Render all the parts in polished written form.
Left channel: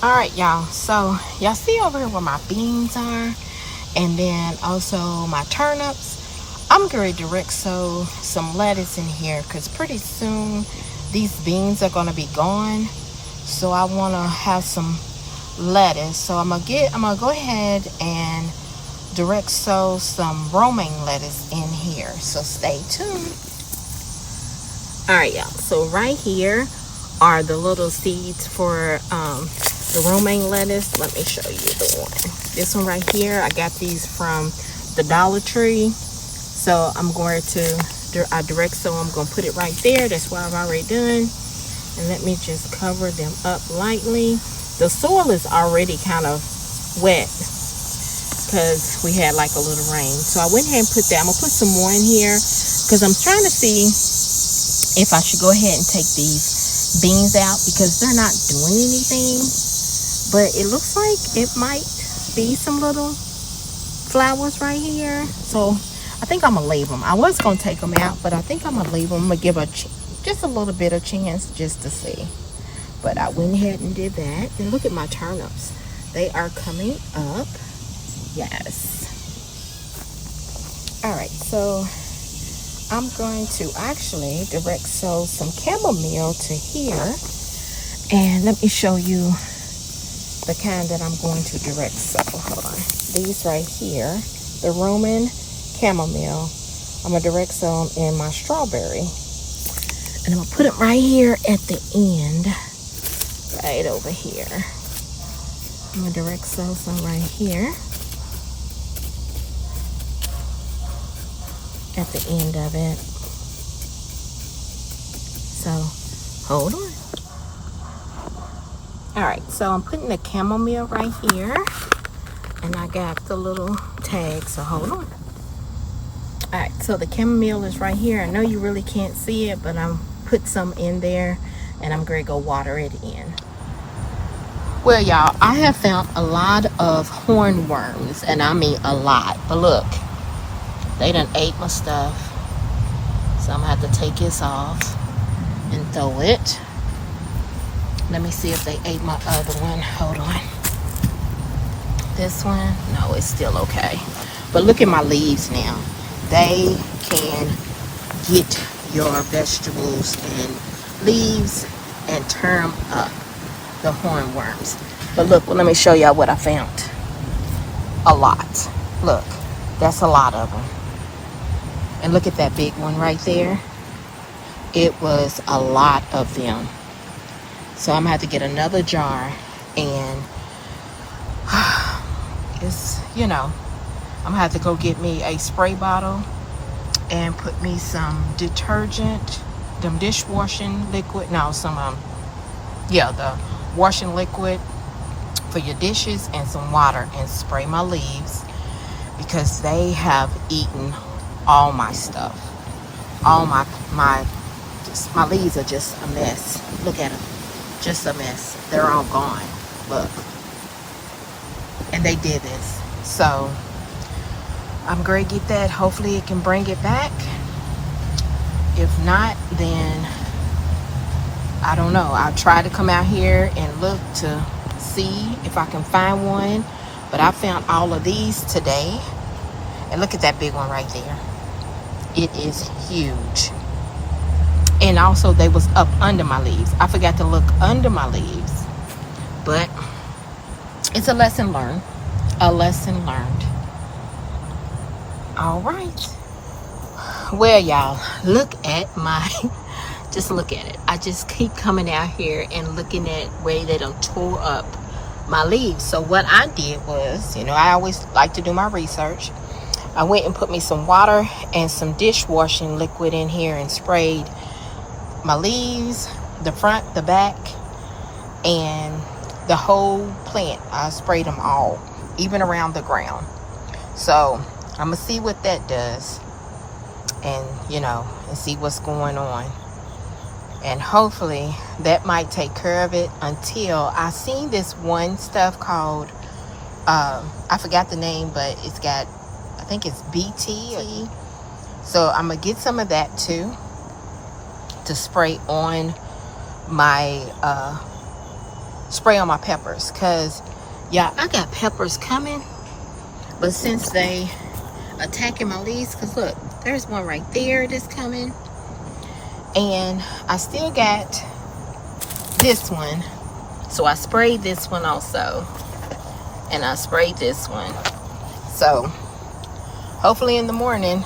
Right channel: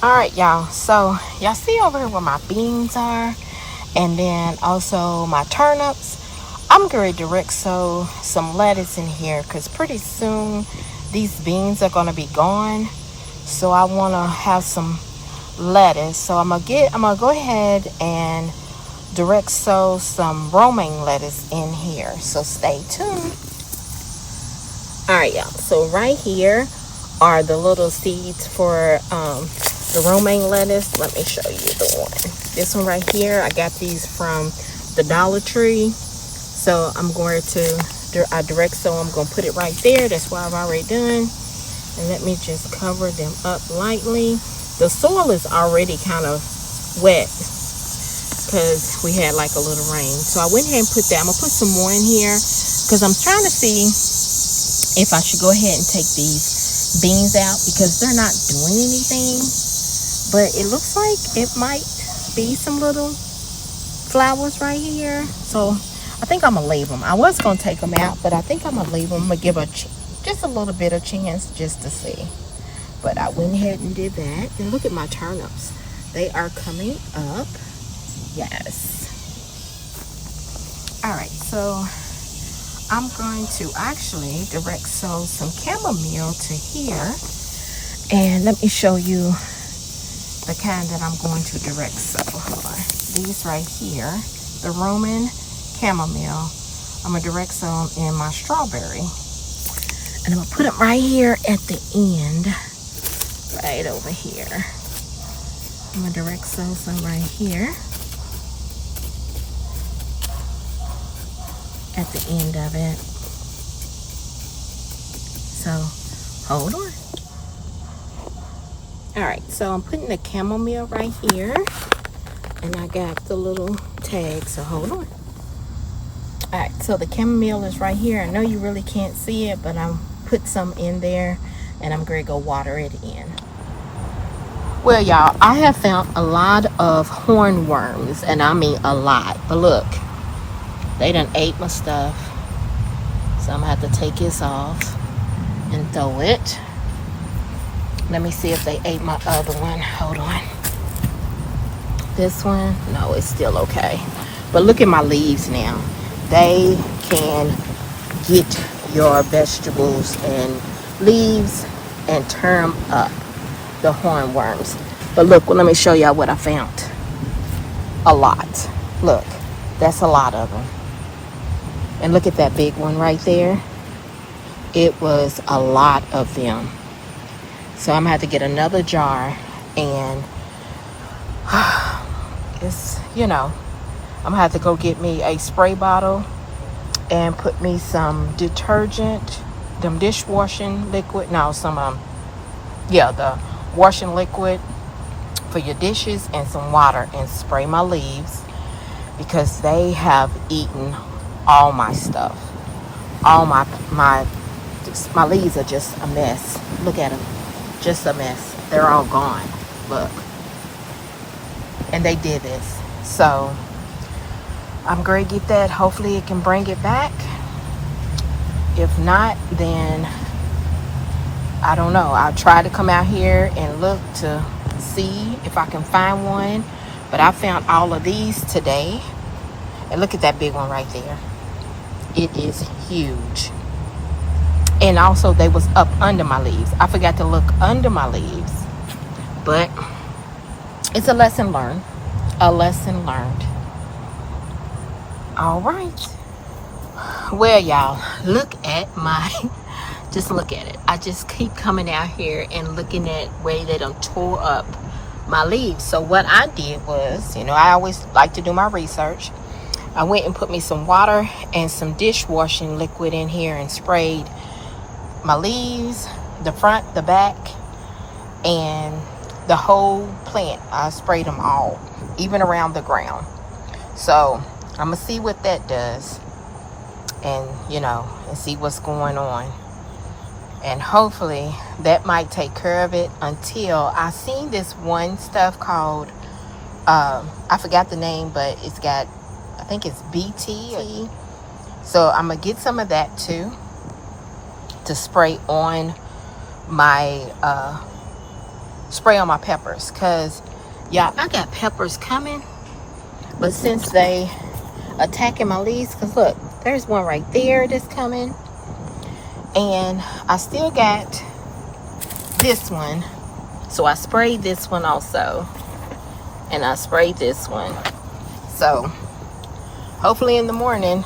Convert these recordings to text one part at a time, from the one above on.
All right, y'all. So y'all see over here where my beans are, and then also my turnips. I'm going to direct sow some lettuce in here because pretty soon these beans are going to be gone. So I want to have some lettuce. So I'm gonna go ahead and direct sow some romaine lettuce in here. So stay tuned. All right, y'all. So right here are the little seeds for the romaine lettuce. Let me show you the one. This one right here, I got these from the Dollar Tree. So I'm going to, I direct sow, I'm going to put it right there. That's what I've already done. And let me just cover them up lightly. The soil is already kind of wet because we had like a little rain. So I went ahead and put that. I'm going to put some more in here because I'm trying to see if I should go ahead and take these beans out because they're not doing anything. But it looks like it might be some little flowers right here. So I think I'm gonna leave them. I was gonna take them out, but I think I'm gonna leave them. I'm gonna give just a little bit of chance just to see. But I went ahead and did that. And look at my turnips. They are coming up. Yes. All right, so I'm going to actually direct sow some chamomile to here. And let me show you the kind that I'm going to direct sow. Hold on. These right here, the Roman chamomile. I'm going to direct sow them in my strawberry. And I'm going to put them right here at the end. Right over here. I'm going to direct sow some right here. At the end of it. So, hold on. Alright, so I'm putting the chamomile right here. And I got the little tag, so hold on. Alright, so the chamomile is right here. I know you really can't see it, but I'm put some in there. And I'm going to go water it in. Well, y'all, I have found a lot of hornworms. And I mean a lot. But look, they done ate my stuff. So I'm going to have to take this off and throw it. Let me see if they ate my other one. Hold on. This one, no, it's still okay. But look at my leaves now. They can get your vegetables and leaves and turn them up, the hornworms. But look, well, let me show y'all what I found. A lot. Look, that's a lot of them. And look at that big one right there. It was a lot of them. So I'm gonna have to get another jar and it's, I'm gonna have to go get me a spray bottle and put me some detergent, them dishwashing liquid, the washing liquid for your dishes and some water and spray my leaves because they have eaten all my stuff. All my leaves are just a mess. Look at them. Just a mess. They're all gone. Look. And they did this. So I'm going to get that. Hopefully it can bring it back. If not, then I don't know. I'll try to come out here and look to see if I can find one. But I found all of these today. And look at that big one right there. It is huge. And also they was up under my leaves. I forgot to look under my leaves. But it's a lesson learned. A lesson learned. All right. Well, y'all, look at just look at it. I just keep coming out here and looking at where they done tore up my leaves. So what I did was, I always like to do my research. I went and put me some water and some dishwashing liquid in here and sprayed my leaves, the front, the back, and the whole plant. I sprayed them all, even around the ground. So I'm gonna see what that does, and and see what's going on, and hopefully that might take care of it until I seen this one stuff called I forgot the name, but it's got, I think it's BT. So I'm gonna get some of that too to spray on my spray on my peppers. Because, yeah, I got peppers coming. But since they attacking my leaves, because look, there's one right there that's coming. And I still got this one. So I sprayed this one also. And I sprayed this one. So hopefully in the morning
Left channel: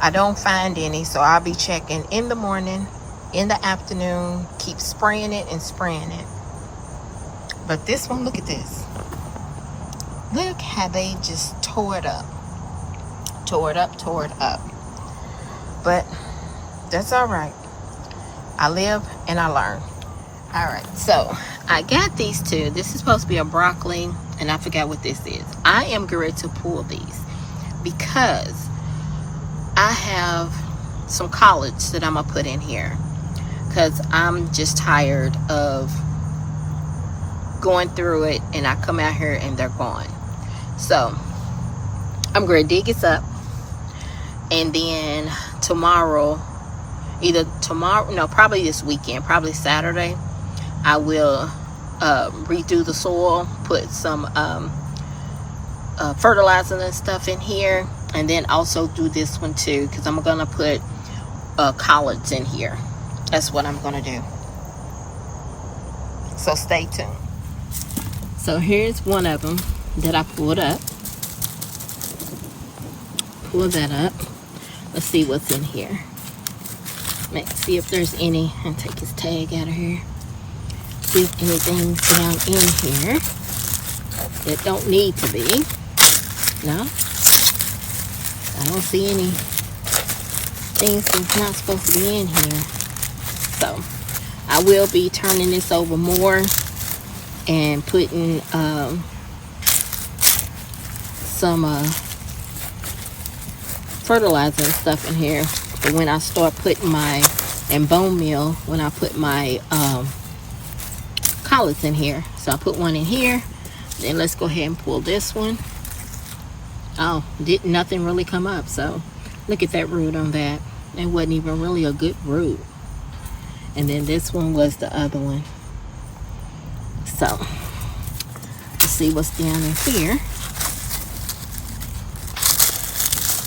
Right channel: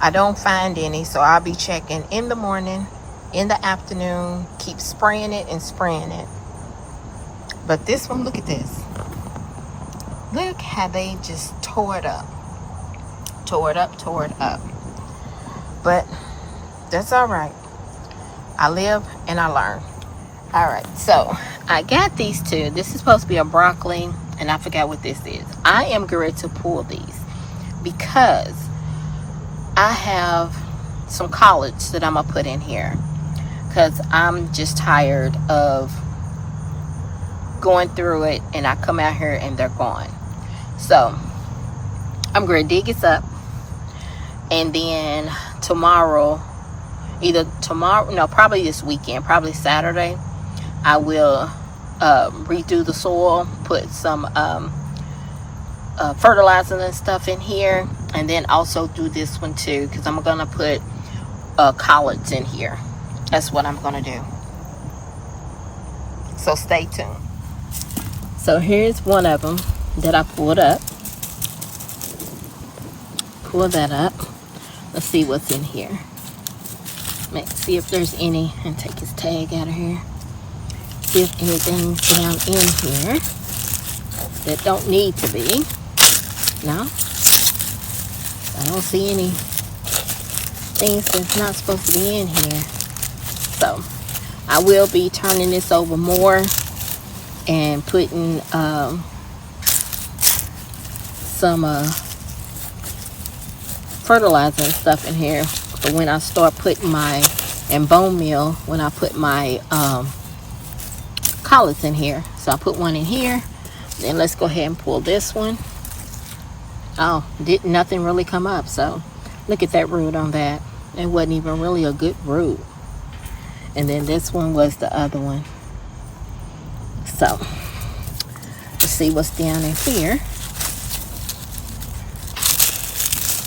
I don't find any. So I'll be checking in the morning, in the afternoon, keep spraying it and spraying it. But this one, look at this. Look how they just tore it up. Tore it up, tore it up. But that's all right. I live and I learn. All right, so I got these two. This is supposed to be a broccoli, and I forgot what this is. I am going to pull these because I have some collards that I'm going to put in here because I'm just tired of going through it, and I come out here and they're gone. So I'm going to dig this up, and then tomorrow, probably this weekend, probably Saturday, I will redo the soil, put some fertilizer and stuff in here, and then also do this one too, because I'm going to put collards in here. That's what I'm going to do. So stay tuned. So here's one of them that I pulled up. Pull that up. Let's see what's in here. Let's see if there's any. And take his tag out of here. See if anything's down in here that don't need to be. No, I don't see any things that's not supposed to be in here. So I will be turning this over more and putting some fertilizer and stuff in here. But when I start putting and bone meal, when I put my collards in here. So I put one in here. Then let's go ahead and pull this one. Oh, nothing really come up. So look at that root on that. It wasn't even really a good root. And then this one was the other one. So let's see what's down in here.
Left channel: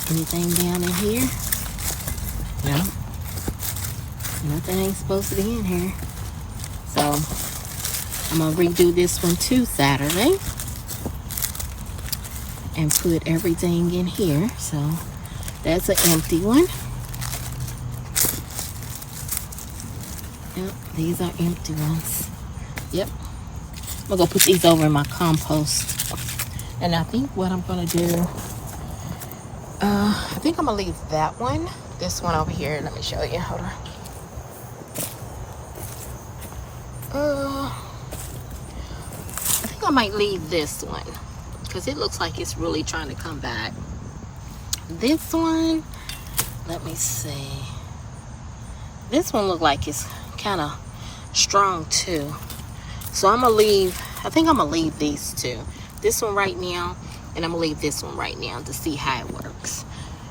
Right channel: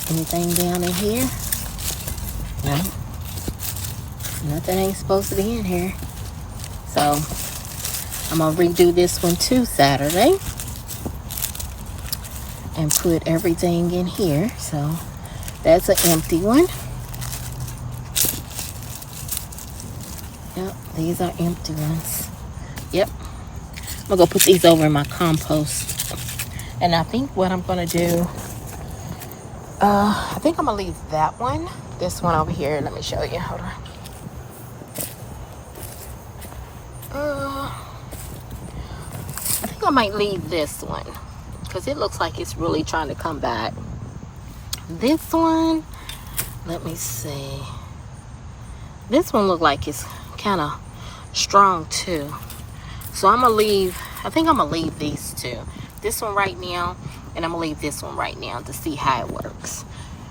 Anything down in here? No. Nothing ain't supposed to be in here. So I'm gonna redo this one too Saturday and put everything in here. So that's an empty one. Yep, these are empty ones. Yep. I'm gonna go put these over in my compost. And I think what I'm gonna do, I think I'm gonna leave that one. This one over here, let me show you. Hold on. I think I might leave this one because it looks like it's really trying to come back. This one, let me see. This one look like it's kind of strong too. So I'm gonna leave, I think I'm gonna leave these two. This one right now, and I'm gonna leave this one right now to see how it works.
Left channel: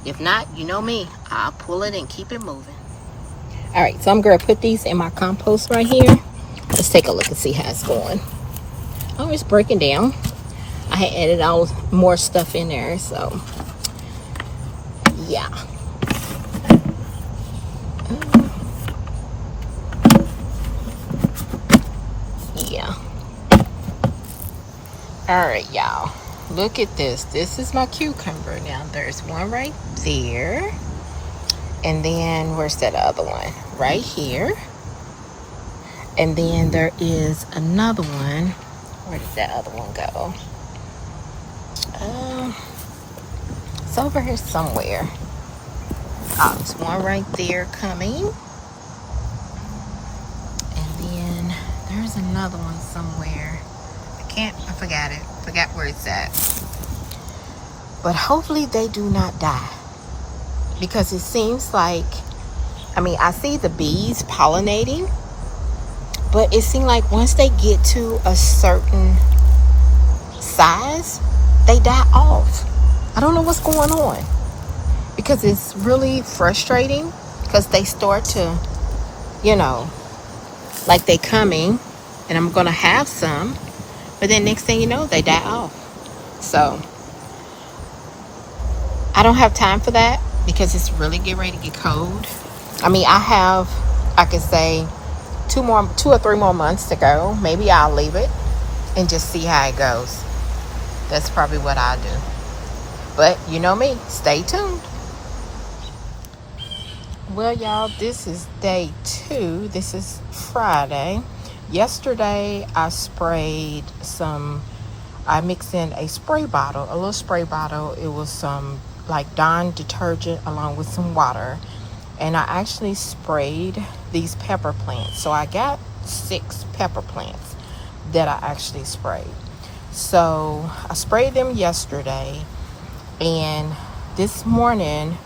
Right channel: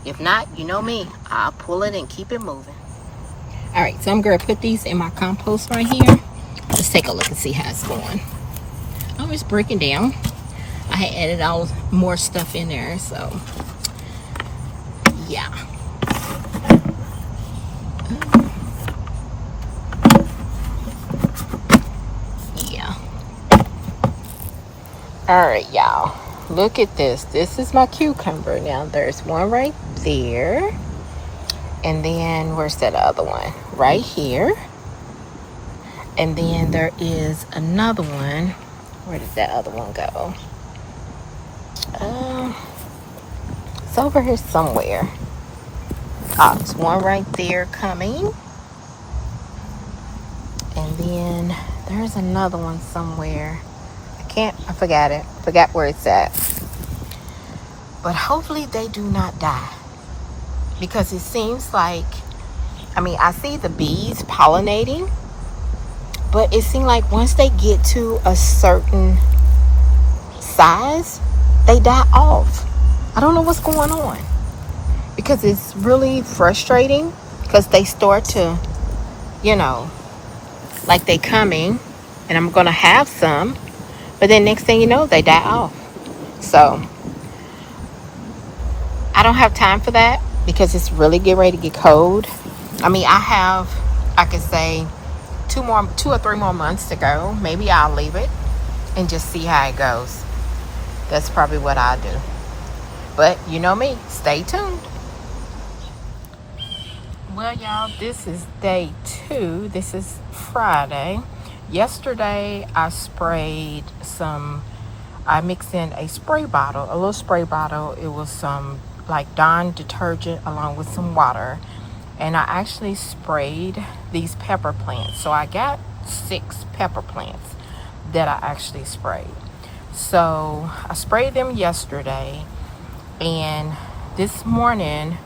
If not, you know me, I'll pull it and keep it moving. All right, so I'm gonna put these in my compost right here. Let's take a look and see how it's going. Oh, it's breaking down. I had added all more stuff in there, so yeah. Yeah. All right, y'all. Look at this. This is my cucumber. Now, there's one right there. And then, where's that other one? Right here. And then there is another one. Where did that other one go? It's over here somewhere. Oh, there's one right there coming. And then there's another one somewhere. I forgot it. Forgot where it's at. But hopefully they do not die. Because it seems like, I see the bees pollinating. But it seems like once they get to a certain size, they die off. I don't know what's going on. Because it's really frustrating. Because they start to, like they coming. and I'm gonna have some, but then next thing you know, they die off. So I don't have time for that because it's really getting ready to get cold. I mean, I could say 2 or 3 more months to go. Maybe I'll leave it and just see how it goes. That's probably what I'll do. But you know me, stay tuned. Well, y'all, this is day 2. This is Friday. Yesterday, I mixed in a little spray bottle. It was some like Dawn detergent along with some water. And I actually sprayed these pepper plants. So I got 6 pepper plants that I actually sprayed. So I sprayed them yesterday. And this morning,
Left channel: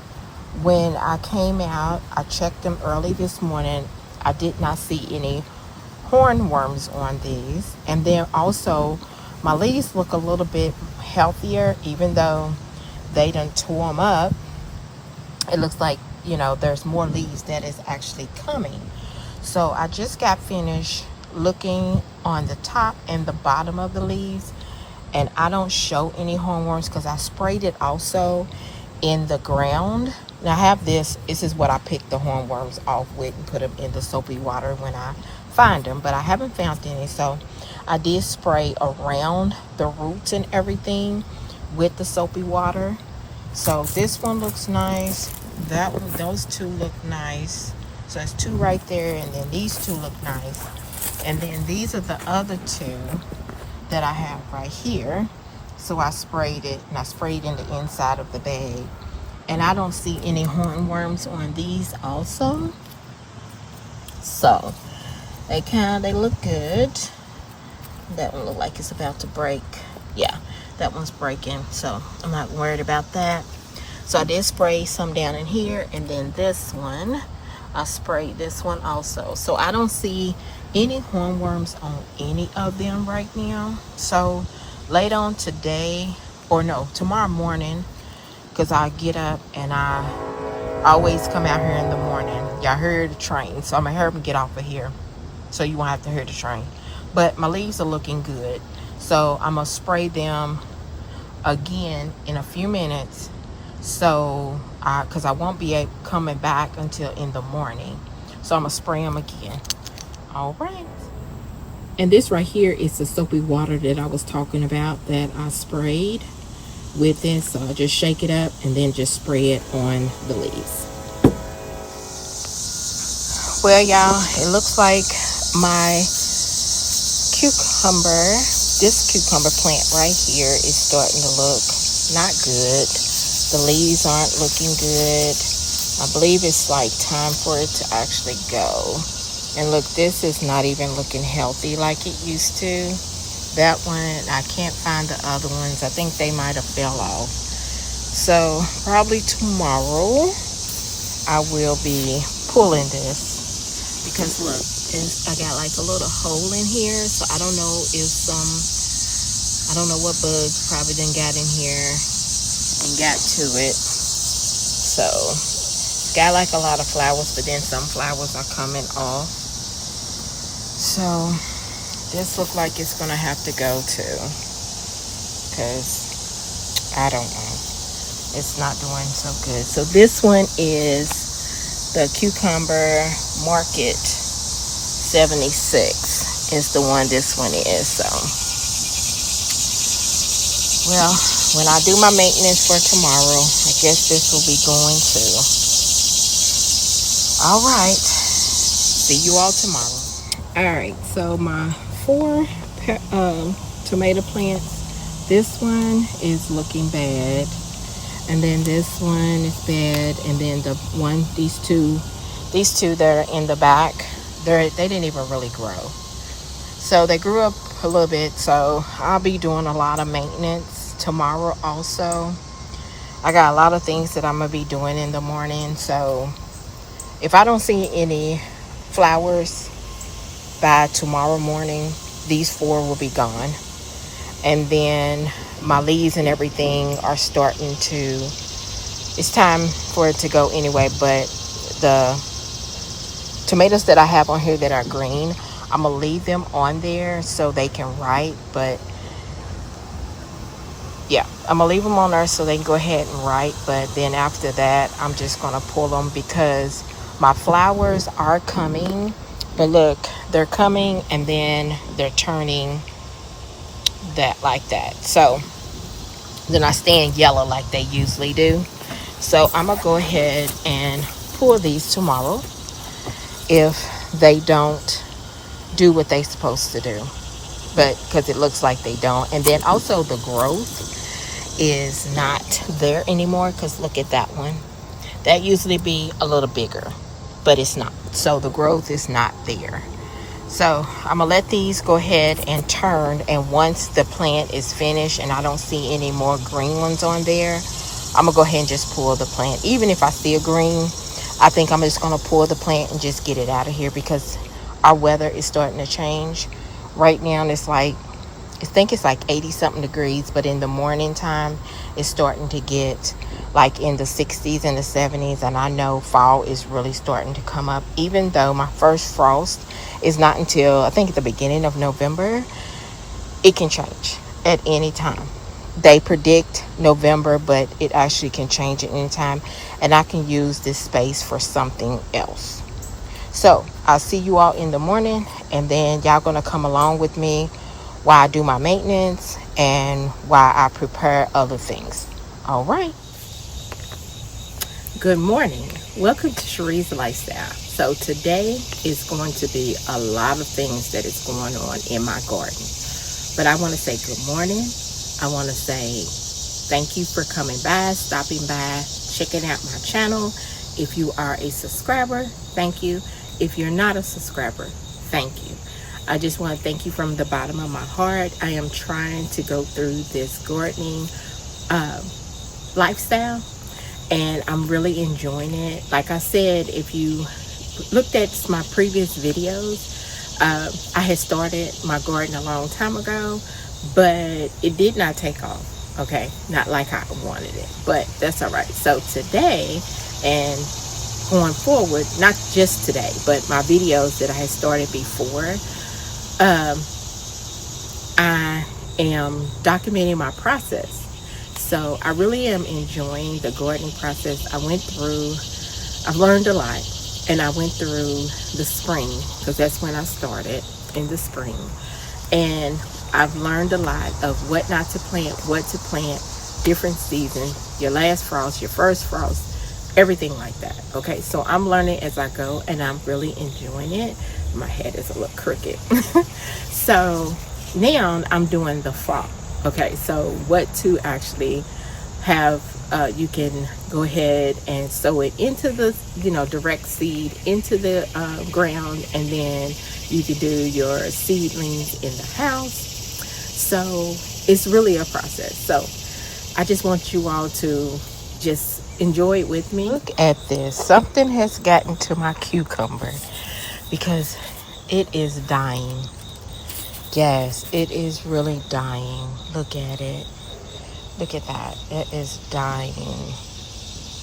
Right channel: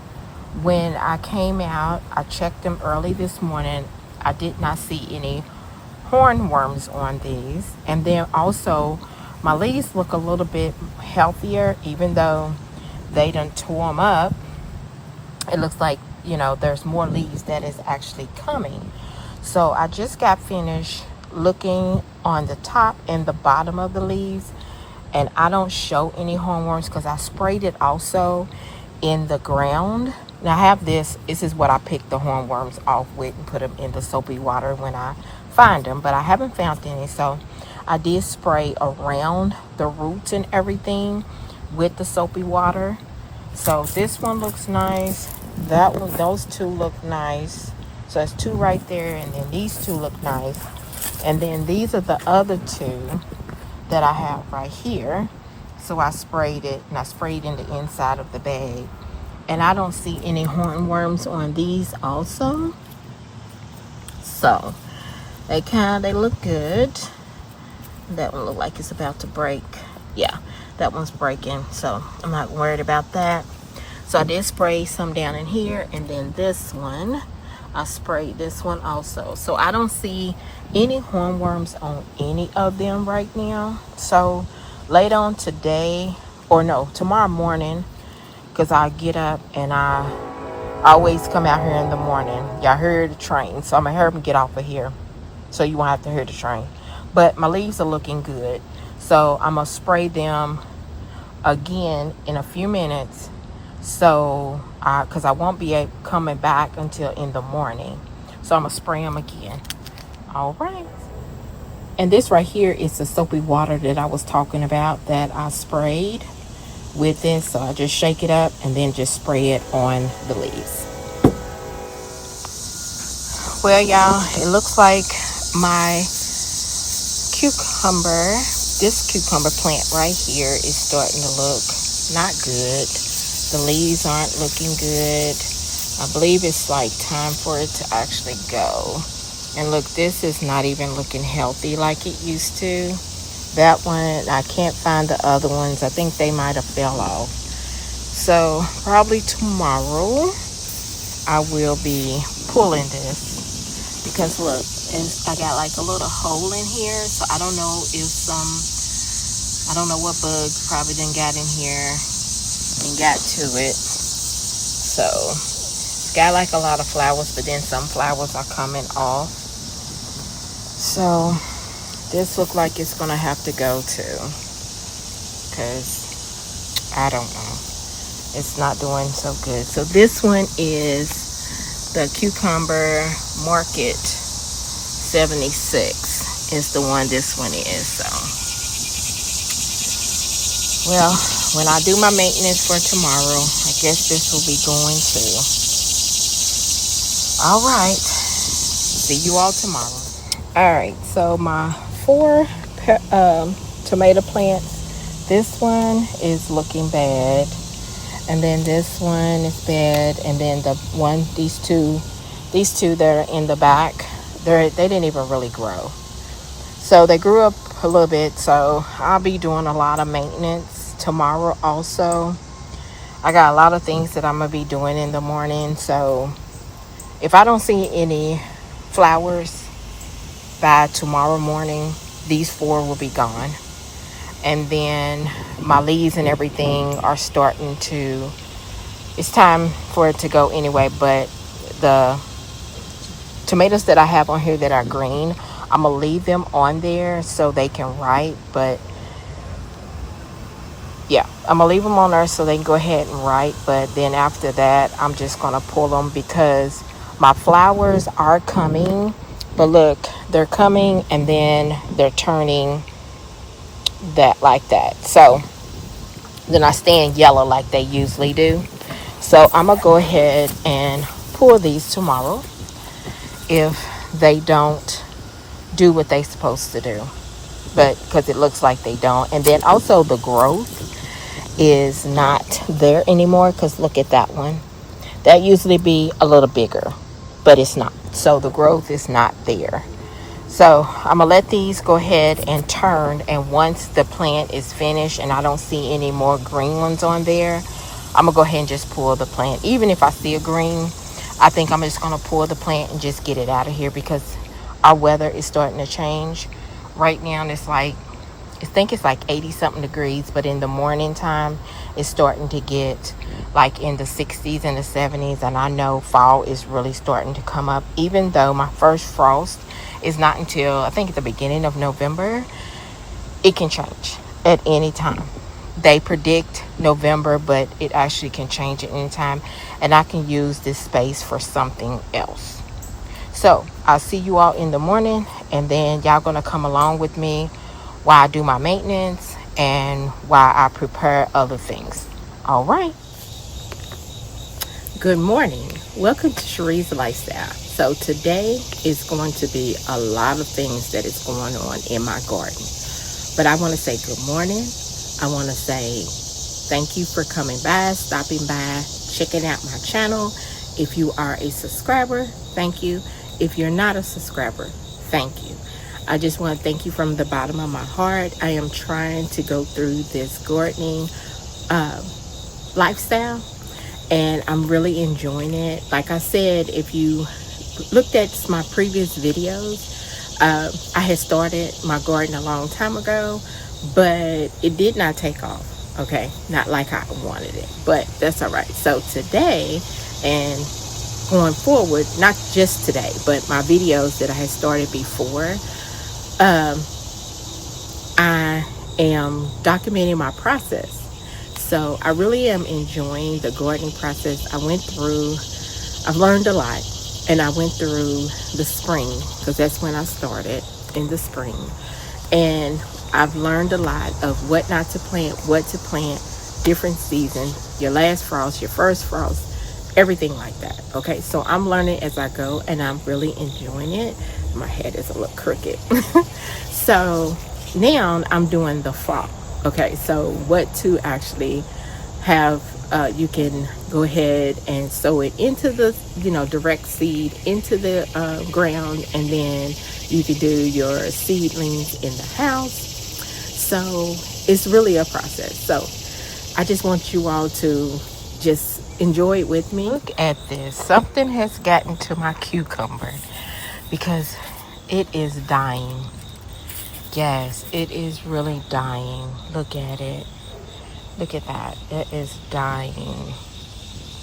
when I came out, I checked them early this morning. I did not see any hornworms on these. And then also, my leaves look a little bit healthier, even though they done tore them up. It looks like, there's more leaves that is actually coming. So I just got finished looking on the top and the bottom of the leaves, and I don't show any hornworms because I sprayed it also in the ground. Now I have this is what I pick the hornworms off with and put them in the soapy water when I find them, but I haven't found any. So I did spray around the roots and everything with the soapy water. So this one looks nice. Those 2 look nice. So it's 2 right there, and then these 2 look nice. And then these are the other 2 that I have right here. So I sprayed it, and I sprayed in the inside of the bag. And I don't see any hornworms on these also. So they look good. That one look like it's about to break. Yeah, that one's breaking, so I'm not worried about that. So I did spray some down in here, and then this one, I sprayed this one also. So I don't see any hornworms on any of them right now. So later on today, or no, tomorrow morning, because I get up and I always come out here in the morning. Y'all heard the train, so I'm gonna hurry up and get off of here so you won't have to hear the train. But my leaves are looking good, so I'm gonna spray them again in a few minutes. So because I won't be coming back until in the morning, so I'm gonna spray them again. All right. And this right here is the soapy water that I was talking about that I sprayed with this. So I just shake it up and then just spray it on the leaves. Well, y'all, it looks like my this cucumber plant right here is starting to look not good. The leaves aren't looking good. I believe it's like time for it to actually go. And look, this is not even looking healthy like it used to. That one, I can't find the other ones. I think they might have fell off. So probably tomorrow I will be pulling this, because look, I got like a little hole in here. So I don't know if I don't know what bugs probably done got in here and got to it. So it's got like a lot of flowers, but then some flowers are coming off. So this look like it's gonna have to go too, because I don't know, it's not doing so good. So this one is the Cucumber Market 76 is the one this one is. So well, when I do my maintenance for tomorrow, I guess this will be going too. All right, see you all tomorrow. All right, so my 4 tomato plants, this one is looking bad, and then this one is bad, and then these two that are in the back, they didn't even really grow. So they grew up a little bit, so I'll be doing a lot of maintenance tomorrow also. I got a lot of things that I'm gonna be doing in the morning, so if I don't see any flowers by tomorrow morning, these 4 will be gone. And then my leaves and everything are starting to, it's time for it to go anyway. But the tomatoes that I have on here that are green I'm gonna leave them on there so they can write, but yeah, I'm gonna leave them on there so they can go ahead and write. But then after that, I'm just gonna pull them because my flowers are coming. But look, they're coming and then they're turning that like that. So they're not staying yellow like they usually do. So I'm gonna go ahead and pull these tomorrow if they don't do what they're supposed to do. But because it looks like they don't. And then also the growth is not there anymore, because look at that one. That usually be a little bigger, but it's not. So the growth is not there. So I'm gonna let these go ahead and turn, and once the plant is finished and I don't see any more green ones on there, I'm gonna go ahead and just pull the plant. Even if I see a green, I think I'm just gonna pull the plant and just get it out of here, because our weather is starting to change. Right now it's like, I think it's like 80 something degrees, but in the morning time it's starting to get like in the 60s and the 70s, and I know fall is really starting to come up. Even though my first frost is not until I think at the beginning of November, it can change at any time. They predict November, but it actually can change at any time, and I can use this space for something else. So I'll see you all in the morning, and then y'all gonna come along with me while I do my maintenance and while I prepare other things. All right. Good morning. Welcome to Chere'er's Lifestyle. So today is going to be a lot of things that is going on in my garden. But I want to say good morning. I want to say thank you for coming by, stopping by, checking out my channel. If you are a subscriber, thank you. If you're not a subscriber, thank you. I just want to thank you from the bottom of my heart. I am trying to go through this gardening lifestyle, and I'm really enjoying it. Like I said, if you looked at my previous videos, I had started my garden a long time ago, but it did not take off. Okay, not like I wanted it, but that's all right. So today and going forward, not just today, but my videos that I had started before, I am documenting my process. So I really am enjoying the gardening process. I've learned a lot, and I went through the spring, because that's when I started, in the spring. And I've learned a lot of what not to plant, what to plant, different seasons, your last frost, your first frost, everything like that. Okay, so I'm learning as I go, and I'm really enjoying it. My head is a little crooked. So now I'm doing the fall. Okay, so what to actually have, you can go ahead and sow it into the, direct seed into the ground, and then you can do your seedlings in the house. So it's really a process. So I just want you all to just enjoy it with me. Look at this. Something has gotten to my cucumber because it is dying. Yes, it is really dying. Look at it. Look at that. It is dying. You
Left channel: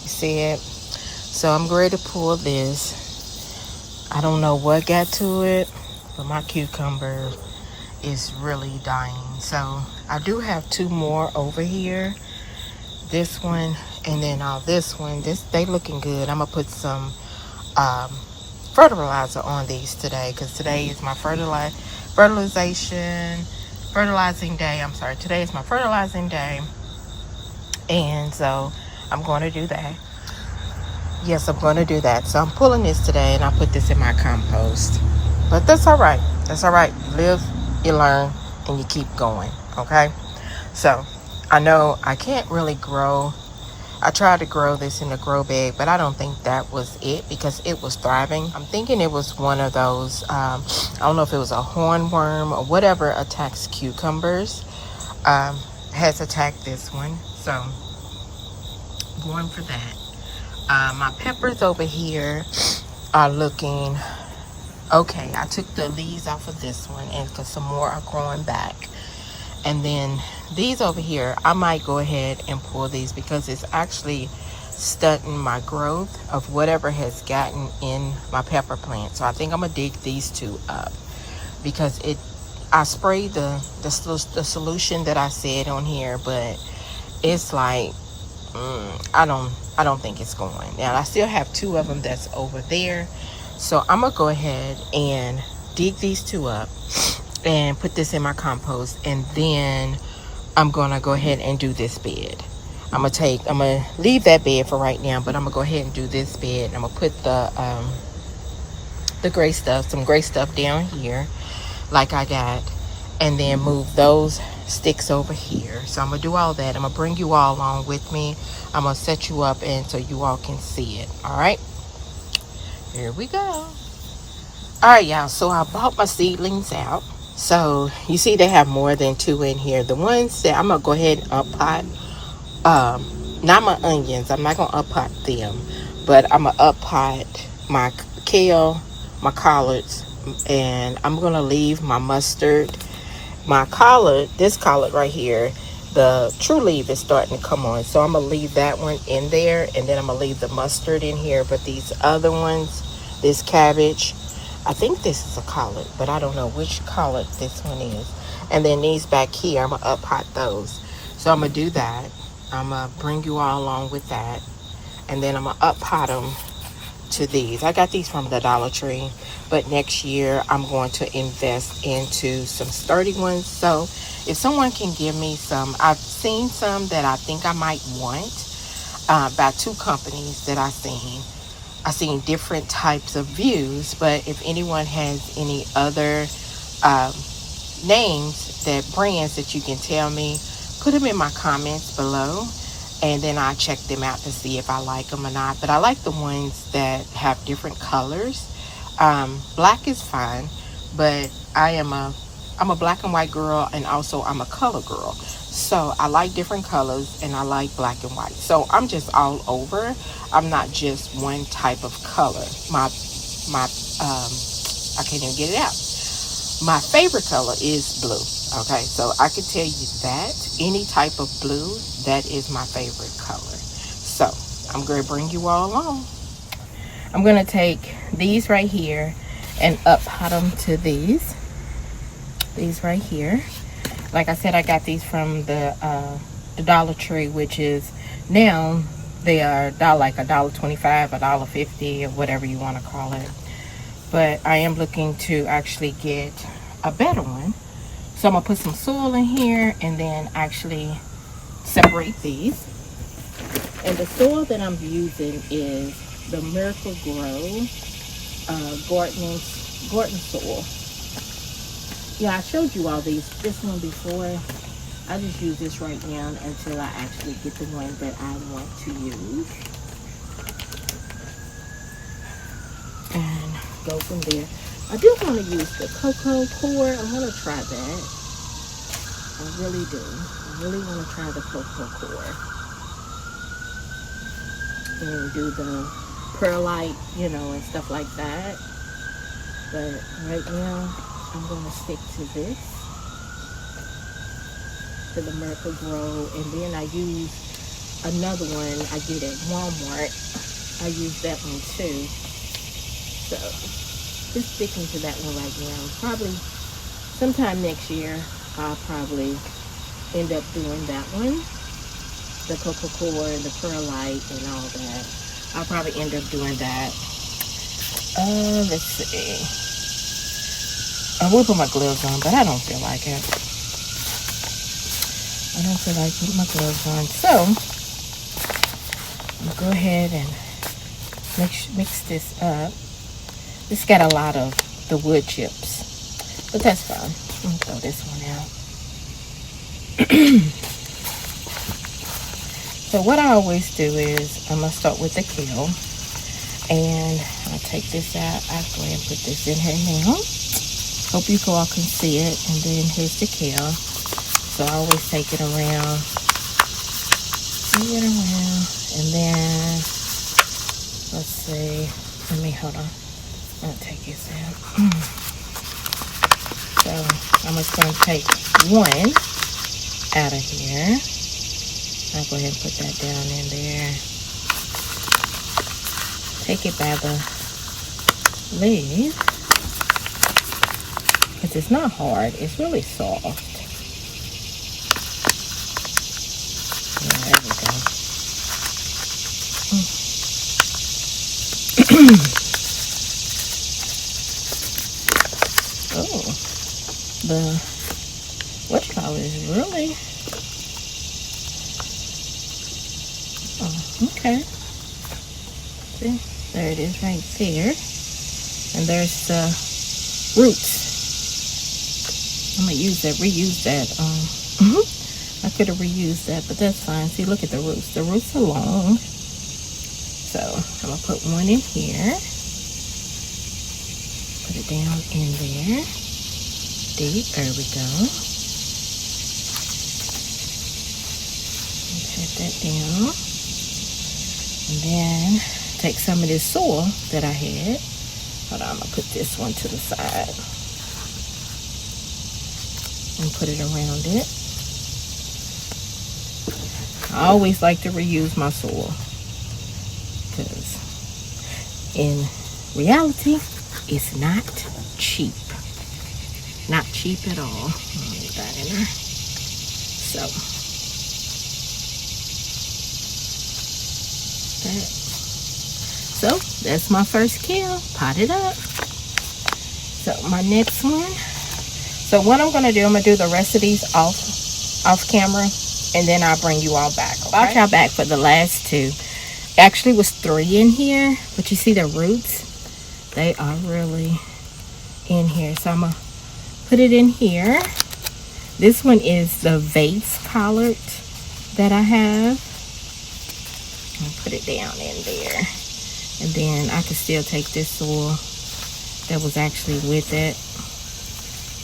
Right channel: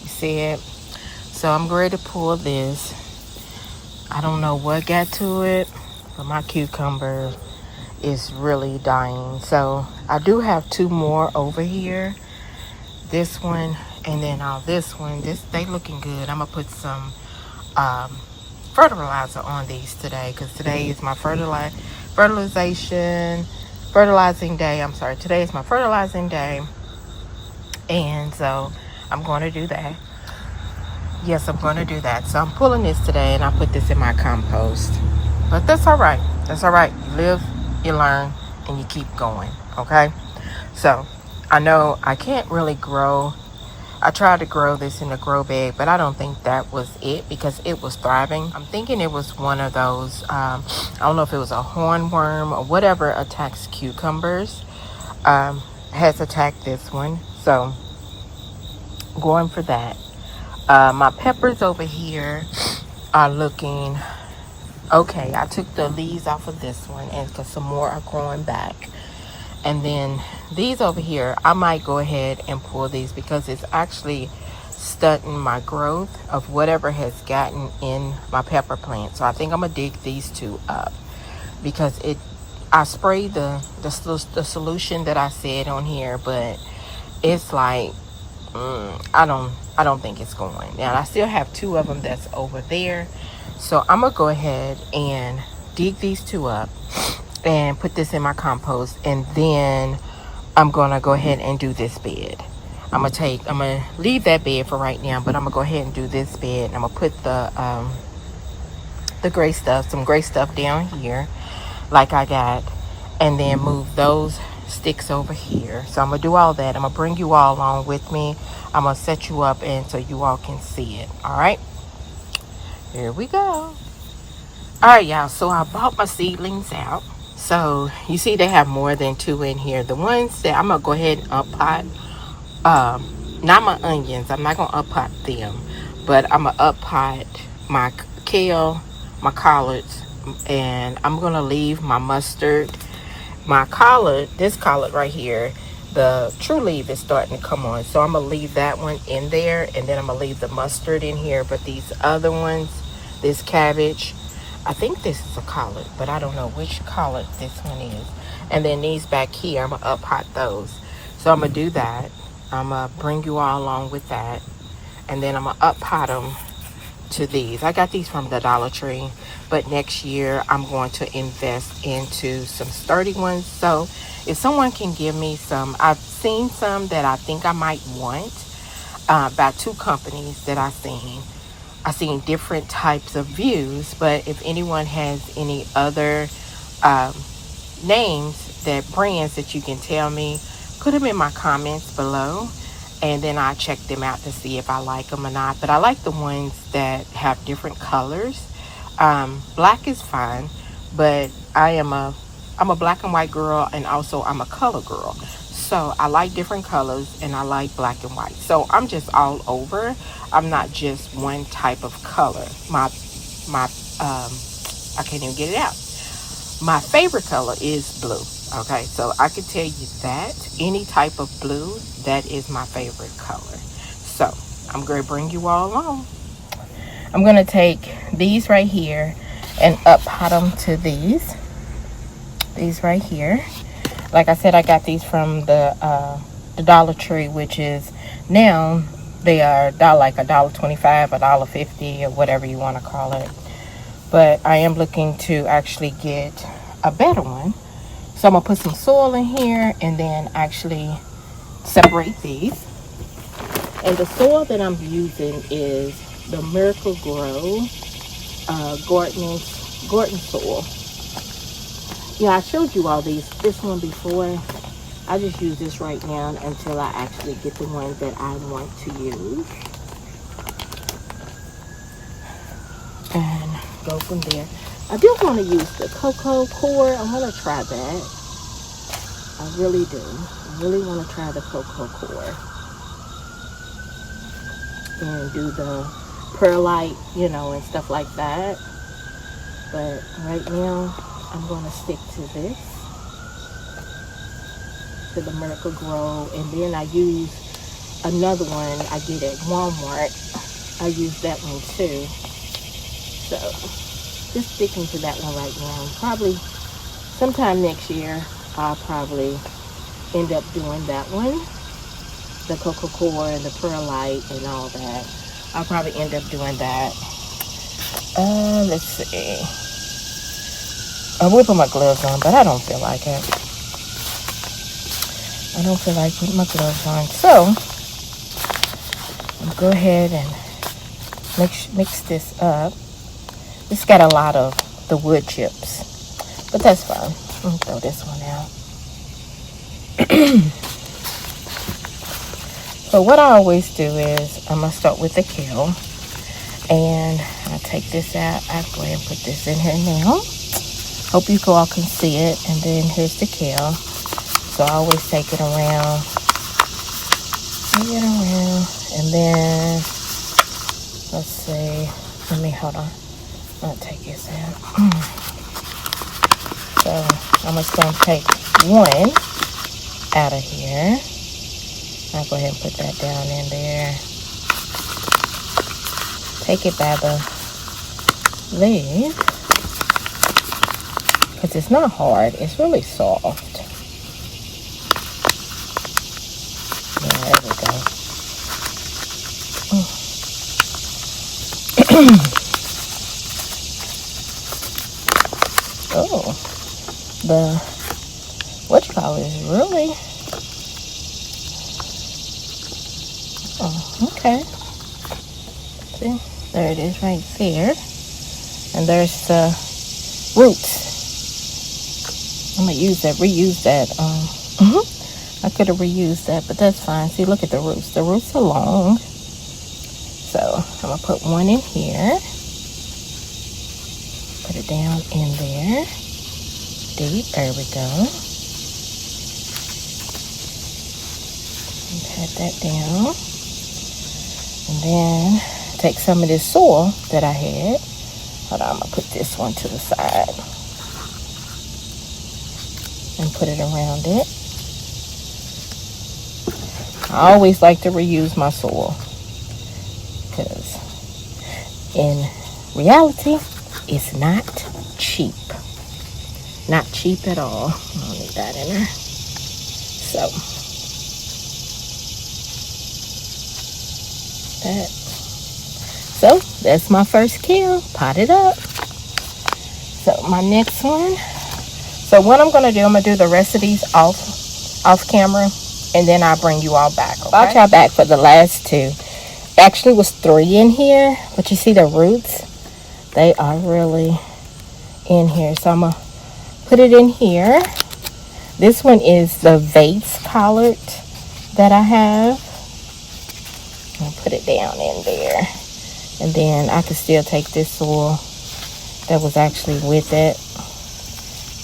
see it? So I'm ready to pull this. I don't know what got to it, but my cucumber is really dying. So I do have two more over here. This one and then this one. They looking good. I'm gonna put some fertilizer on these today, because today is my fertilizing day. I'm sorry, today is my fertilizing day, and so I'm going to do that. Yes, I'm going to do that. So I'm pulling this today, and I put this in my compost. But that's all right. That's all right. You live, you learn, and you keep going. Okay. So I know I can't really grow. I tried to grow this in a grow bag, but I don't think that was it, because it was thriving. I'm thinking it was one of those, I don't know if it was a hornworm or whatever attacks cucumbers, has attacked this one. So going for that. My peppers over here are looking okay. I took the leaves off of this one, and because some more are growing back. And then these over here, I might go ahead and pull these, because it's actually stunting my growth of whatever has gotten in my pepper plant. So I think I'm gonna dig these two up. because I sprayed the solution that I said on here, but it's like I don't think it's going. Now I still have 2 of them that's over there, so I'm gonna go ahead and dig these 2 up and put this in my compost, and then I'm gonna go ahead and do this bed. I'm gonna leave that bed for right now, but I'm gonna go ahead and do this bed. I'm gonna put the gray stuff, some gray stuff down here like I got, and then move those sticks over here. So I'm gonna do all that. I'm gonna bring you all along with me. I'm gonna set you up and so you all can see it. All right, here we go. All right, y'all, so I bought my seedlings out. So you see they have more than 2 in here. The ones that I'm gonna go ahead and up-pot, not my onions, I'm not gonna up-pot them, but I'm gonna up-pot my kale, my collards, and I'm gonna leave my mustard. My collard, this collard right here, the true leaf is starting to come on, so I'm gonna leave that one in there, and then I'm gonna leave the mustard in here. But these other ones, this cabbage, I think this is a collard, but I don't know which collard this one is. And then these back here, I'm gonna up pot those. So I'm gonna do that. I'm gonna bring you all along with that, and then I'm gonna up pot them to these. I got these from the Dollar Tree, but next year I'm going to invest into some sturdy ones. So if someone can give me some, I've seen some that I think I might want, about 2 companies that I've seen different types of views, but if anyone has any other names, that brands that you can tell me, put them in my comments below, and then I check them out to see if I like them or not. But I like the ones that have different colors. Black is fine, but I'm a black and white girl, and also I'm a color girl. So I like different colors, and I like black and white. So I'm just all over. I'm not just one type of color. I can't even get it out. My favorite color is blue. Okay, so I can tell you that any type of blue, that is my favorite color. So I'm going to bring you all along. I'm going to take these right here and up pot them to these right here. Like I said, I got these from the Dollar Tree, which is now they are like $1.25, $1.50, or whatever you want to call it. But I am looking to actually get a better one. So I'm going to put some soil in here and then actually separate these. And the soil that I'm using is the Miracle Grow Gorton soil. Yeah, I showed you all this one before. I just use this right now until I actually get the ones that I want to use. And go from there. I do want to use the cocoa core. I want to try that. I really do. I really want to try the cocoa core. And do the perlite, and stuff like that. But right now, I'm going to stick to this. To the Miracle Grow. And then I use another one I get at Walmart. I use that one too. So just sticking to that one right now. Probably sometime next year I'll probably end up doing that one. The cocoa core and the perlite and all that. I'll probably end up doing that. Let's see. I will put my gloves on, but I don't feel like it. I don't feel like putting my gloves on. So I'll go ahead and mix this up. This got a lot of the wood chips, but that's fine. I'm gonna throw this one out. So what I always do is I'm gonna start with the kale, and I take this out. I go ahead and put this in here now. Hope you all can see it. And then here's the kale. So I always take it around, and then let's see. Hold on. I'll take this out. So I'm just going to take one out of here. I'll go ahead and put that down in there. Take it by the leaf. because it's not hard. It's really soft. Yeah, there we go. Oh, the what you call it is really. Oh, okay. See, there it is right there, and there's the roots. I'm gonna reuse that. I could have reused that, but that's fine. See, look at the roots. The roots are long, so I'm gonna put one in here. Put it down in there. Deep. There we go. And pat that down, and then take some of this soil that I had. Hold on, I'm gonna put this one to the side and put it around it. I always like to reuse my soil because in reality, it's not cheap. Not cheap at all. I'll leave that in there. So, that's my first kill. Potted up. So my next one. So what I'm gonna do, I'm gonna do the rest of these off camera, and then I'll bring you all back. Okay? Brought y'all back for the last two. Actually was 3 in here, but you see the roots? They are really in here. So I'm gonna put it in here. This one is the vase collard that I have. I'll put it down in there. And then I can still take this soil that was actually with it.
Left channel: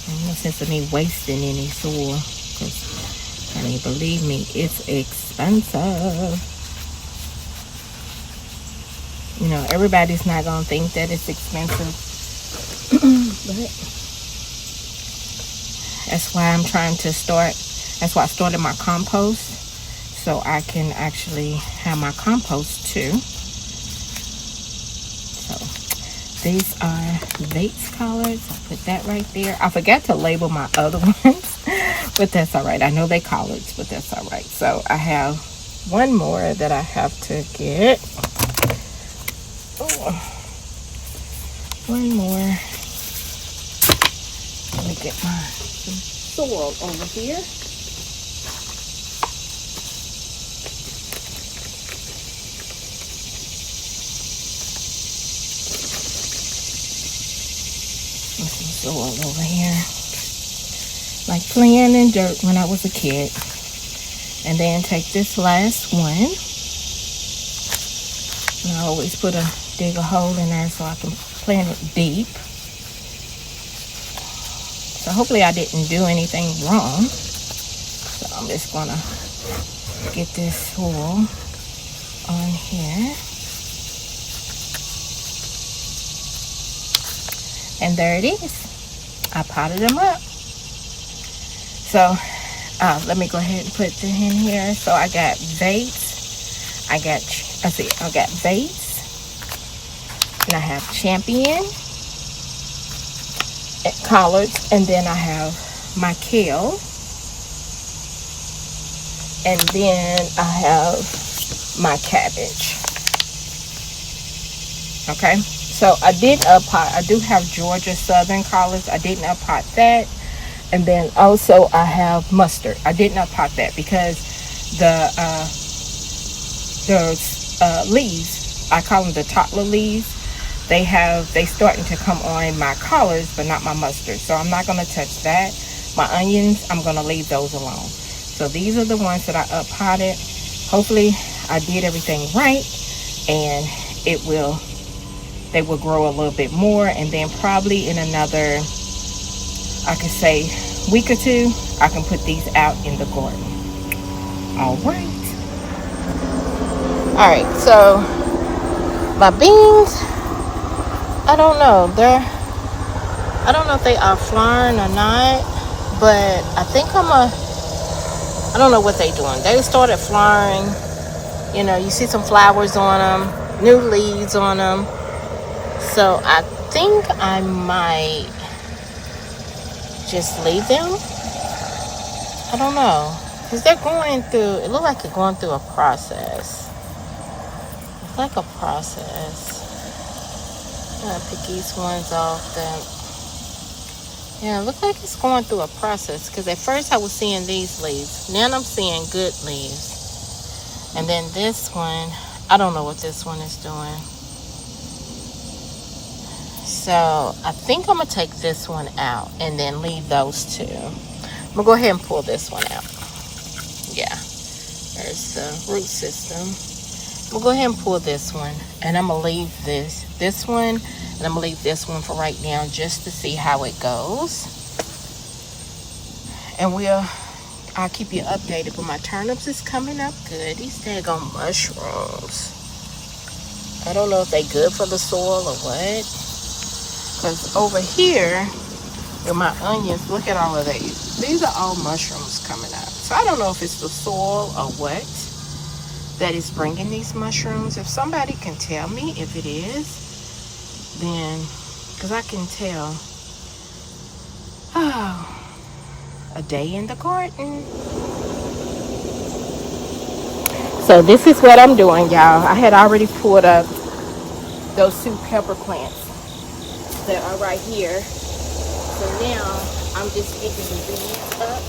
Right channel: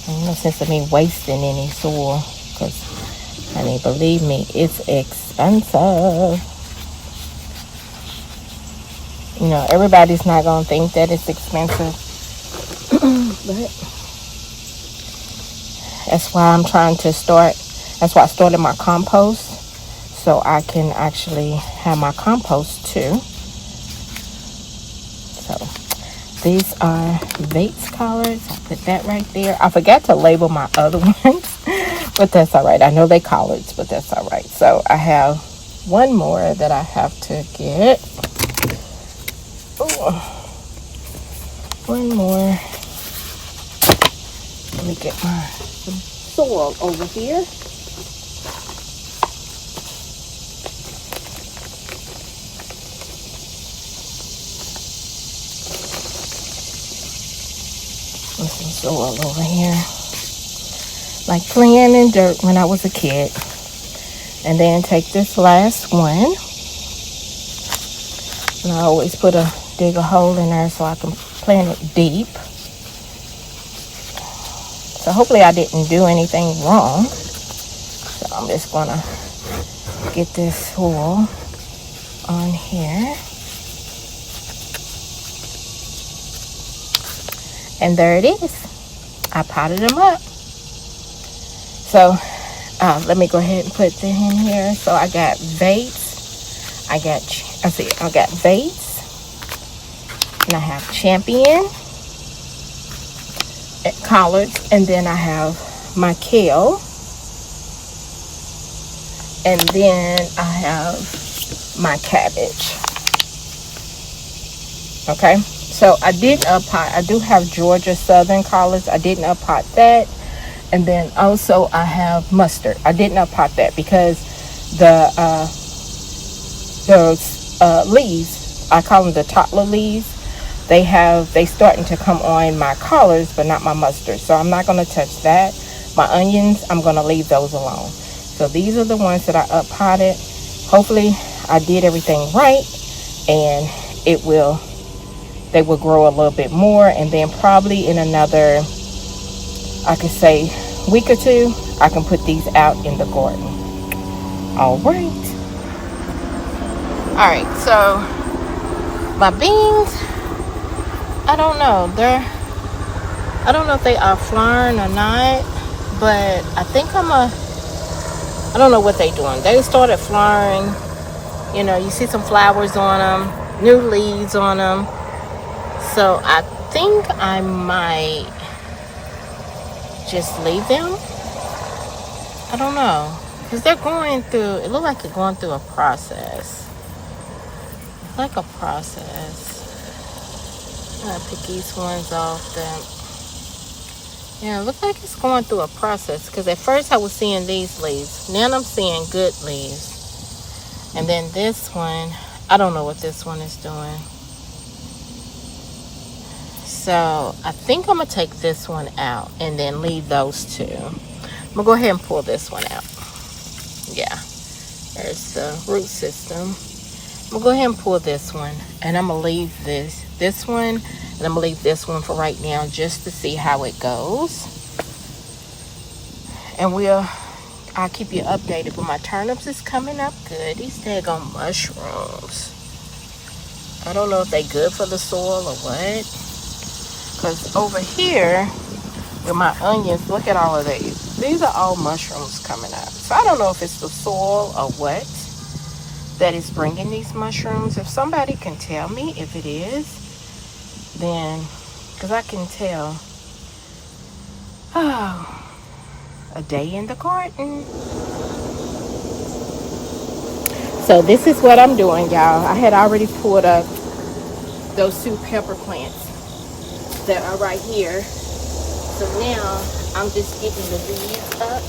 Ain't no sense of me wasting any soil, because, honey, believe me, it's expensive. You know, everybody's not going to think that it's expensive. But that's why I'm trying to start. That's why I started my compost, so I can actually have my compost too. So these are vase collards. I put that right there. I forgot to label my other ones, but that's all right. I know they collards, but that's all right. So I have one more that I have to get. Ooh. One more. Let me get my soil over here. Some soil over here, like playing in dirt when I was a kid. And then take this last one, and I always dig a hole in there so I can plant it deep. So hopefully I didn't do anything wrong. So I'm just gonna get this soil on here. And there it is. I potted them up. So let me go ahead and put them in here. So I got vase. I got vase. And I have champion collards. And then I have my kale. And then I have my cabbage. Okay. So I didn't up-pot. I do have Georgia Southern collards. I didn't up-pot that. And then also I have mustard. I didn't up-pot that because those leaves, I call them the toddler leaves, they starting to come on my collards, but not my mustard. So I'm not going to touch that. My onions, I'm going to leave those alone. So these are the ones that I up-potted. Hopefully I did everything right, and they will grow a little bit more, and then probably in another, I could say, week or two, I can put these out in the garden. All right, so my beans, I don't know if they are flowering or not, but I think I don't know what they're doing. They started flowering. You know, you see some flowers on them, new leaves on them. So I think I might just leave them. I don't know. Because they're going through, it looks like they're going through a process. It's like a process. I'm going to pick these ones off. Yeah, it looks like it's going through a process. Because at first I was seeing these leaves. Now I'm seeing good leaves. And then this one, I don't know what this one is doing. So I think I'm going to take this one out and then leave those two. I'm going to go ahead and pull this one out. Yeah, there's the root system. I'm going to go ahead and pull this one. And I'm going to leave this one. And I'm going to leave this one for right now just to see how it goes. And I'll keep you updated. But my turnips is coming up good. These daggone mushrooms. I don't know if they good for the soil or what. Because over here with my onions, look at all of these. These are all mushrooms coming up. So I don't know if it's the soil or what that is bringing these mushrooms. If somebody can tell me if it is, then, because I can tell. Oh, a day in the garden. So this is what I'm doing, y'all. I had already pulled up those 2 pepper plants that are right here. So now I'm just getting the weeds up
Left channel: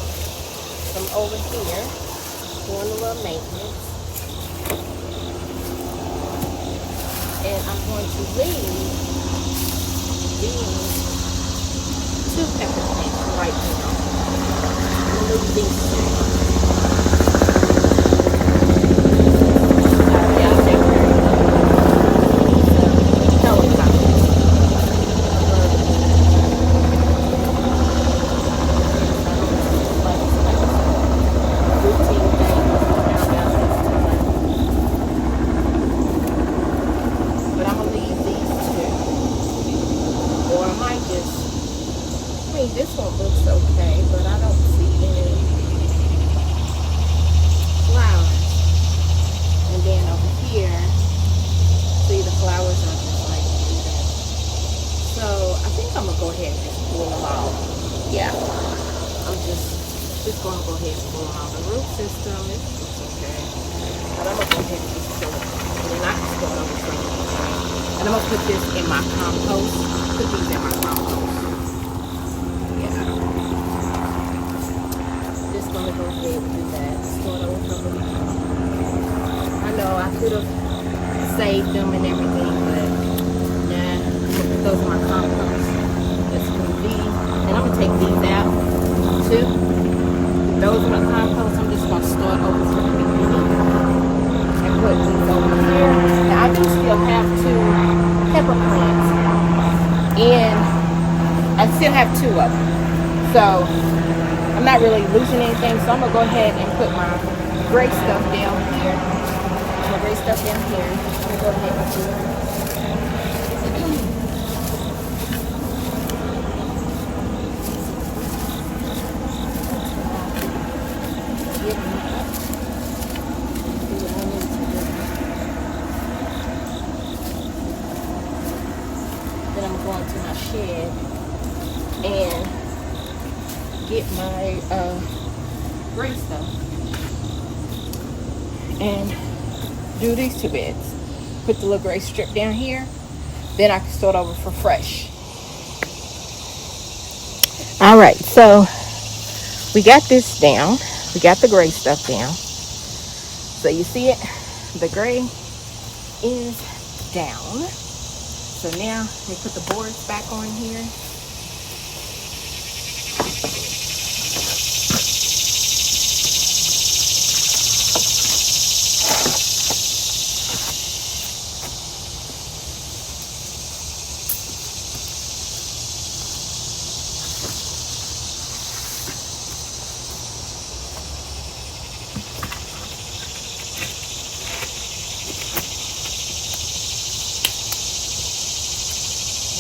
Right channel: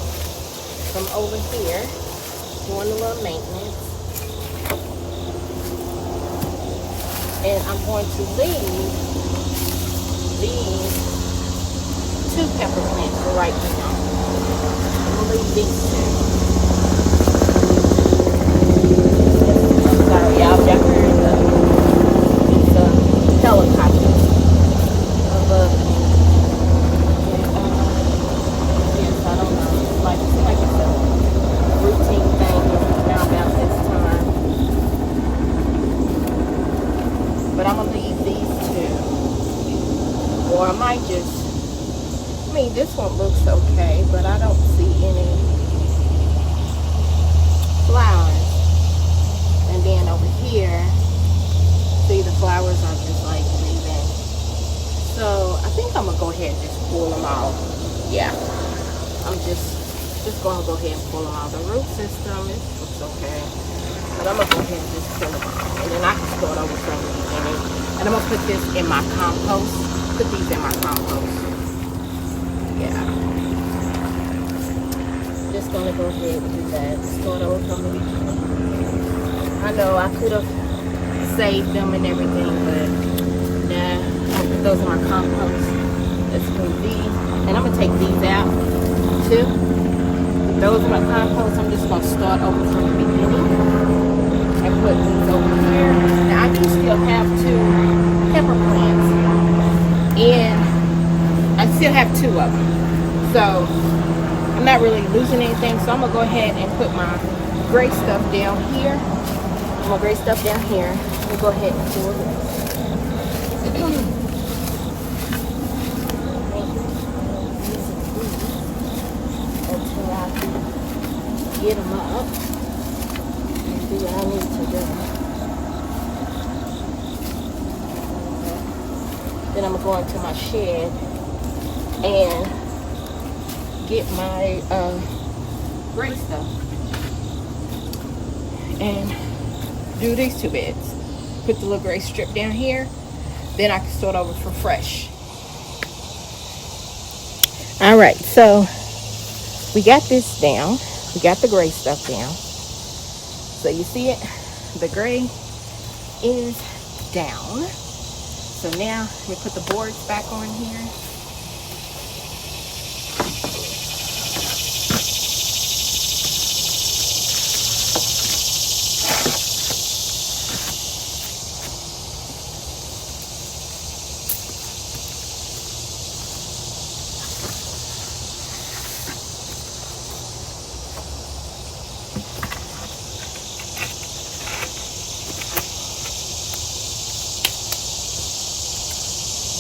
from over here, doing a little maintenance. And I'm going to leave these 2 pepper plants for right now. I'm going to leave these 2. I'm sorry, y'all can hear the helicopter. I love it. Yes, I don't know. It's like it's a routine thing that we found out this time. But I'm going to leave these 2. Or I might just, I mean, this one looks okay, but I don't see any flowers. And then over here, see the flowers are just like leaving. So I think I'm going to go ahead and just pull them out. Yeah, I'm just going to go ahead and pull them out. The root system, it looks okay. But I'm going to go ahead and just pull them out. And then I can start over from the beginning. And I'm going to put this in my compost. Put these in my compost. Yeah. Just going to go ahead and do that. Start over from the beginning. I know I could have saved them and everything, but nah, I'm going to put those in my compost. That's going to be. And I'm going to take these out too. Those in my compost, I'm just going to start over from the beginning and put these over here. Now I do still have 2 pepper plants, and I still have 2 of them. So I'm not really losing anything. So I'm going to go ahead and put my gray stuff down here. My gray stuff down here. I'm going to go ahead and do it. Get them up. Do what I need to do. Then I'm going to go into my shed and get my gray stuff and do these 2 beds. Put the little gray strip down here. Then I can start over for fresh. All right, so we got this down. We got the gray stuff down. So you see it? The gray is down. So now we put the boards back on here.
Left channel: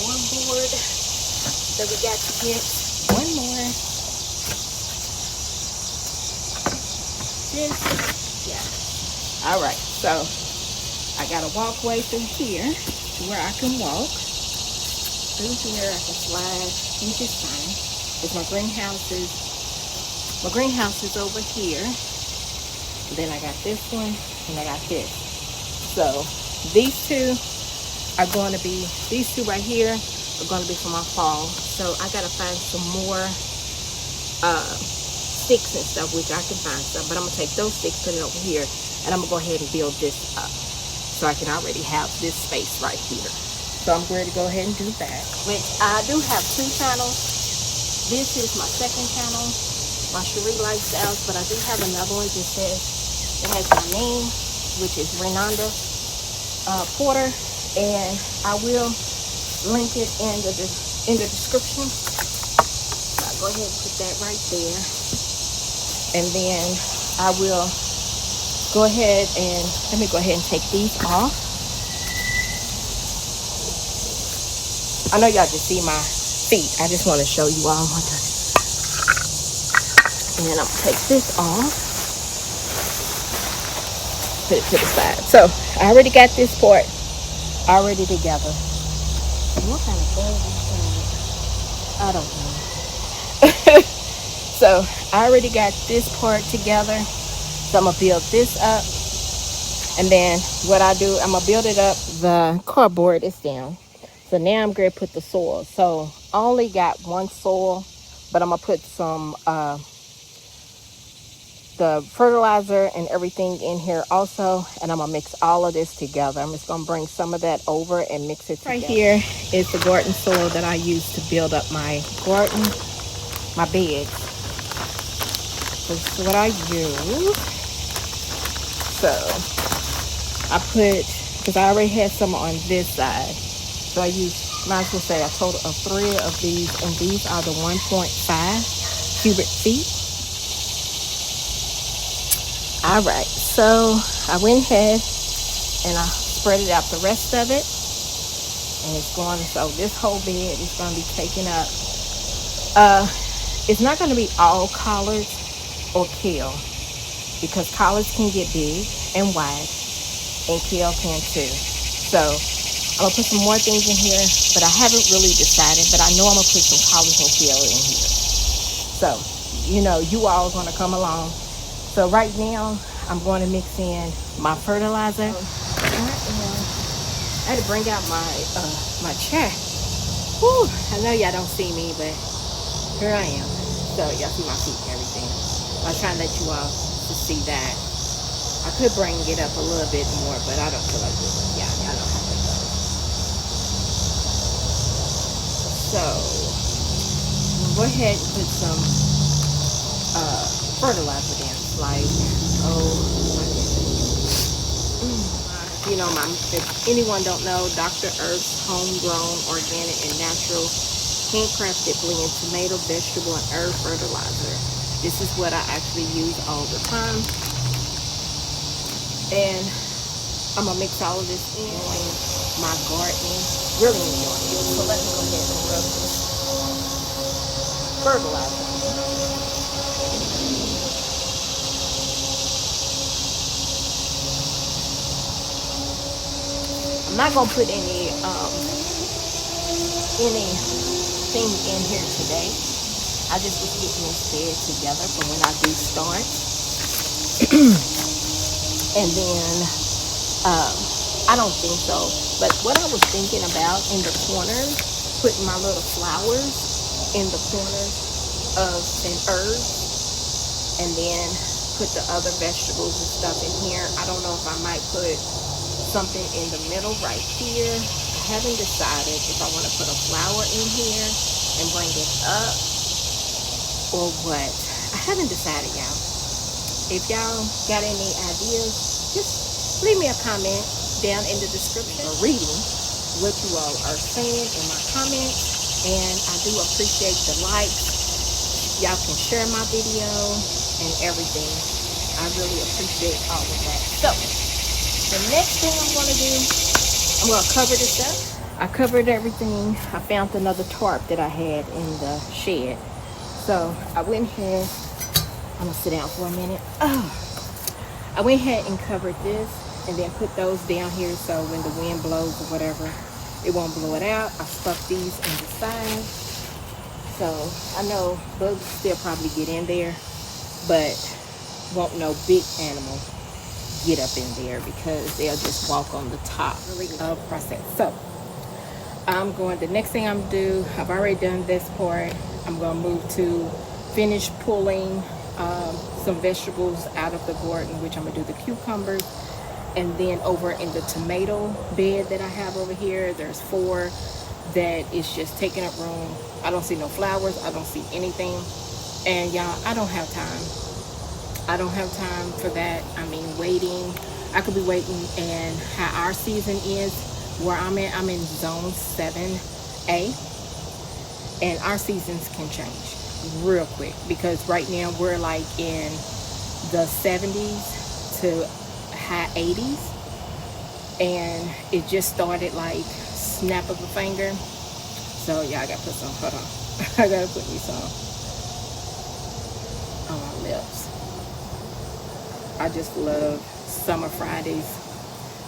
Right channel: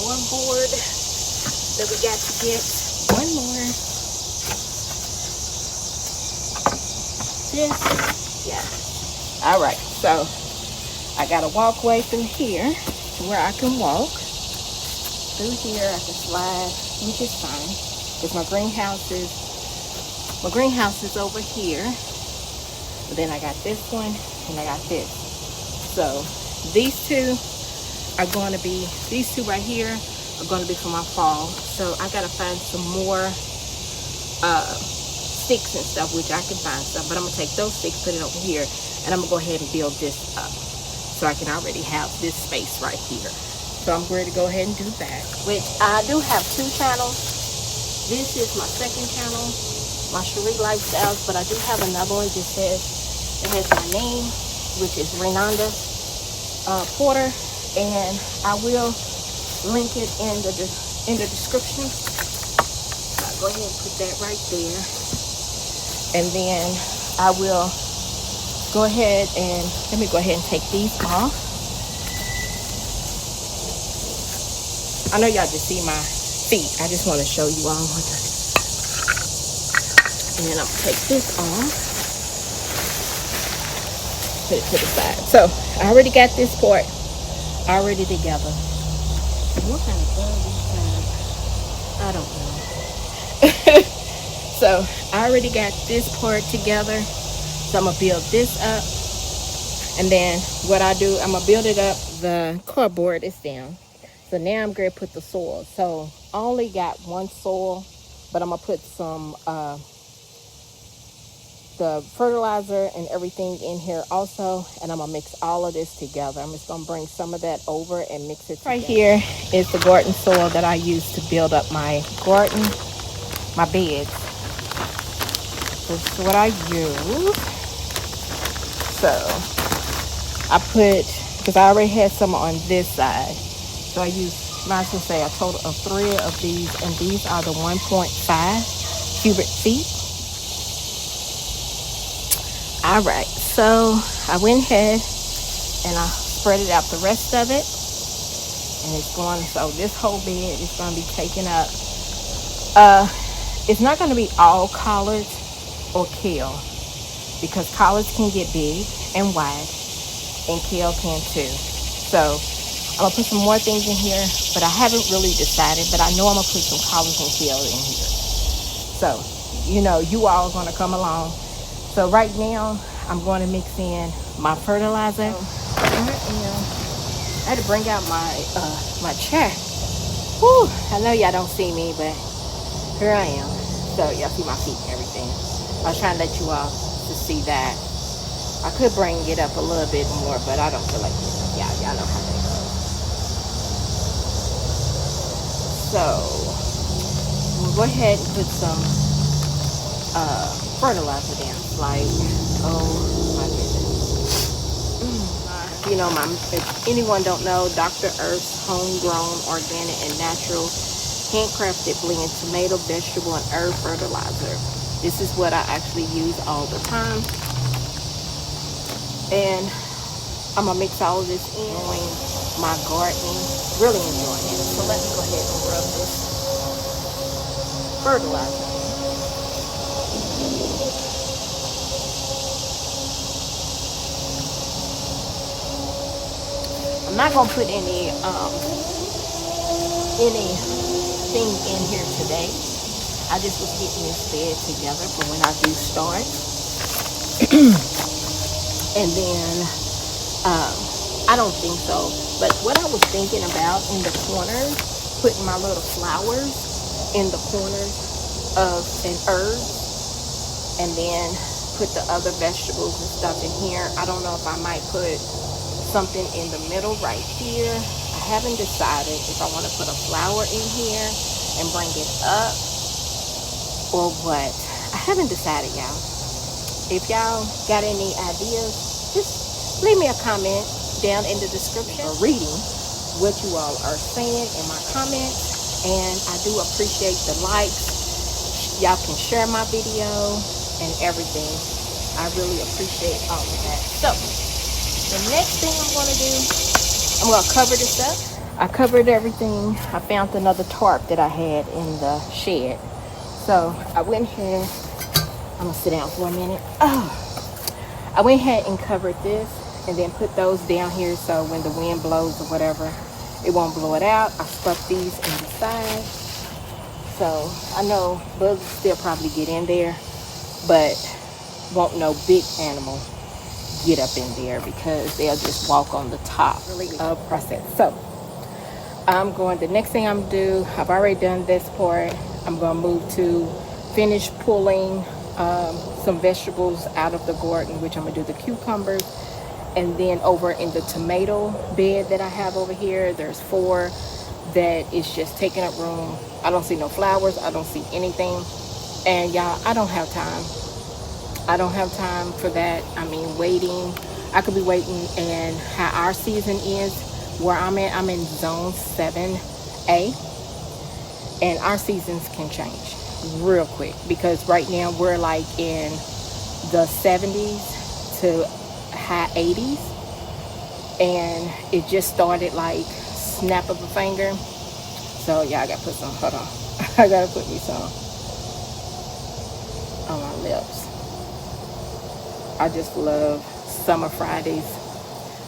One board that we got to get. One more. Yeah. All right. So I got a walkway through here where I can walk. Through here I can slide, which is fine. Because my greenhouse is over here. And then I got this one and I got this. So these two right here are going to be for my fall. So I got to find some more sticks and stuff, which I can find some. But I'm going to take those sticks, put it over here, and I'm going to go ahead and build this up. So I can already have this space right here. So I'm ready to go ahead and do that. Which I do have 2 channels. This is my second channel, my Chere'er Lifestyles. But I do have another one that has my name, which is Renanda Porter. And I will link it in the description. So I'll go ahead and put that right there. And then I will go ahead and, let me go ahead and take these off. I know y'all just see my feet. I just want to show you all. And then I'm going to take this off. Put it to the side. So I already got this part already together. What kind of bug is that? I don't know. So I already got this part together. So I'm going to build this up. And then what I do, I'm going to build it up. The cardboard is down. So now I'm going to put the soil. So I only got 1 soil, but I'm going to put some the fertilizer and everything in here also. And I'm going to mix all of this together. I'm just going to bring some of that over and mix it together. Right here is the garden soil that I use to build up my garden, my beds. This is what I use. So I put, because I already had some on this side. So I use, might as well say a total of 3 of these, and these are the 1.5 cubic feet. All right, so I went ahead and I spread it out the rest of it, and it's going, so this whole bed is going to be taken up. It's not going to be all collards or kale, because collards can get big and wide, and kale can too. So I'm gonna put some more things in here, but I haven't really decided, but I know I'm gonna put some collards and kale in here. So, you know, you all are gonna come along. So right now, I'm going to mix in my fertilizer. I had to bring out my my chair. Whew, I know y'all don't see me, but here I am. So y'all see my feet and everything. I was trying to let you all to see that. I could bring it up a little bit more, but I don't feel like it. Y'all know how that goes. So we'll go ahead and put some fertilizer down. It's like, oh my goodness. You know, if anyone don't know, Dr. Earth's homegrown, organic, and natural handcrafted blend tomato, vegetable, and herb fertilizer. This is what I actually use all the time. And I'm gonna mix all of this in. Enjoying my gardening, really enjoying it. So let me go ahead and rub this fertilizer. I'm not gonna put anything in here today. I just was getting this bed together for when I do start. And then I don't think so, but what I was thinking about in the corners, putting my little flowers in the corners of an herb, and then put the other vegetables and stuff in here. I don't know if I might put something in the middle right here. I haven't decided if I want to put a flower in here and bring it up or what. I haven't decided, y'all. If y'all got any ideas, just leave me a comment down in the description or reading what you all are saying in my comments. And I do appreciate the likes. Y'all can share my video and everything. I really appreciate all of that. So the next thing I'm going to do, I'm going to cover this up. I covered everything. I found another tarp that I had in the shed. So I went ahead, I'm going to sit down for a minute. I went ahead and covered this and then put those down here so when the wind blows or whatever, it won't blow it out. I stuck these in the side. So I know bugs still probably get in there, but won't no big animal get up in there because they'll just walk on the top of the process. So the next thing I'm do, I've already done this part. I'm gonna move to finish pulling some vegetables out of the garden, which I'm gonna do the cucumbers. And then over in the tomato bed that I have over here, there's 4 that is just taking up room. I don't see no flowers. I don't see anything. And y'all, I don't have time. I don't have time for that. I mean, waiting. I could be waiting, and how our season is, where I'm in zone 7A, and our seasons can change real quick because right now we're like in the 70s to high 80s, and it just started like snap of a finger. So yeah, I gotta put some, hold on. I gotta put me some on my lips. I just love Summer Fridays.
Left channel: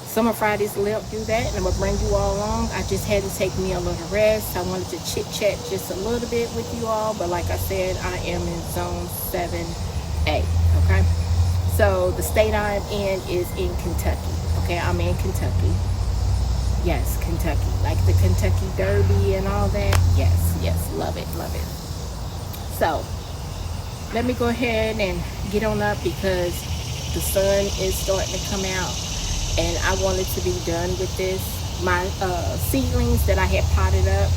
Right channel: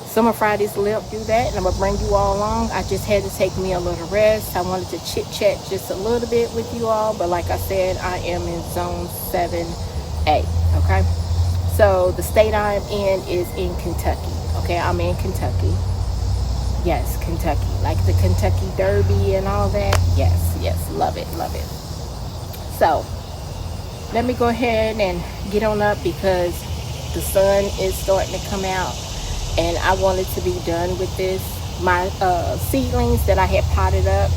Summer Fridays lip, do that, and I'm gonna bring you all along. I just had to take me a little rest. I wanted to chit chat just a little bit with you all, but like I said, I am in zone 7A, okay? So the state I'm in is in Kentucky, okay? I'm in Kentucky. Yes, Kentucky, like the Kentucky Derby and all that. Yes, yes, love it, love it. So let me go ahead and get on up because the sun is starting to come out, and I wanted to be done with this. My seedlings that I had potted up,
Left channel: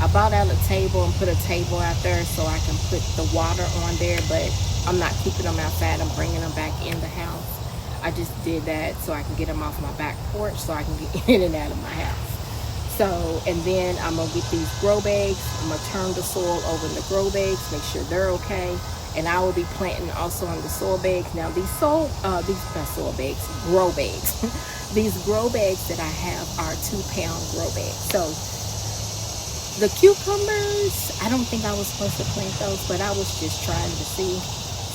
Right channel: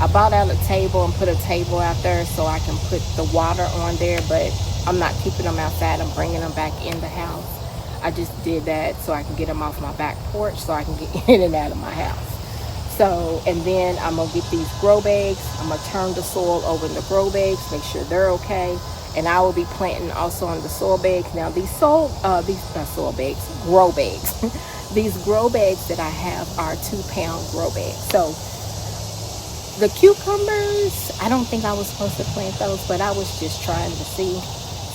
I bought out a table and put a table out there so I can put the water on there, but I'm not keeping them outside. I'm bringing them back in the house. I just did that so I can get them off my back porch so I can get in and out of my house. So, and then I'm gonna get these grow bags. I'm gonna turn the soil over in the grow bags, make sure they're okay. And I will be planting also on the soil bags. Now these soil bags, grow bags. These grow bags that I have are 2-pound grow bags. So the cucumbers, I don't think I was supposed to plant those, but I was just trying to see.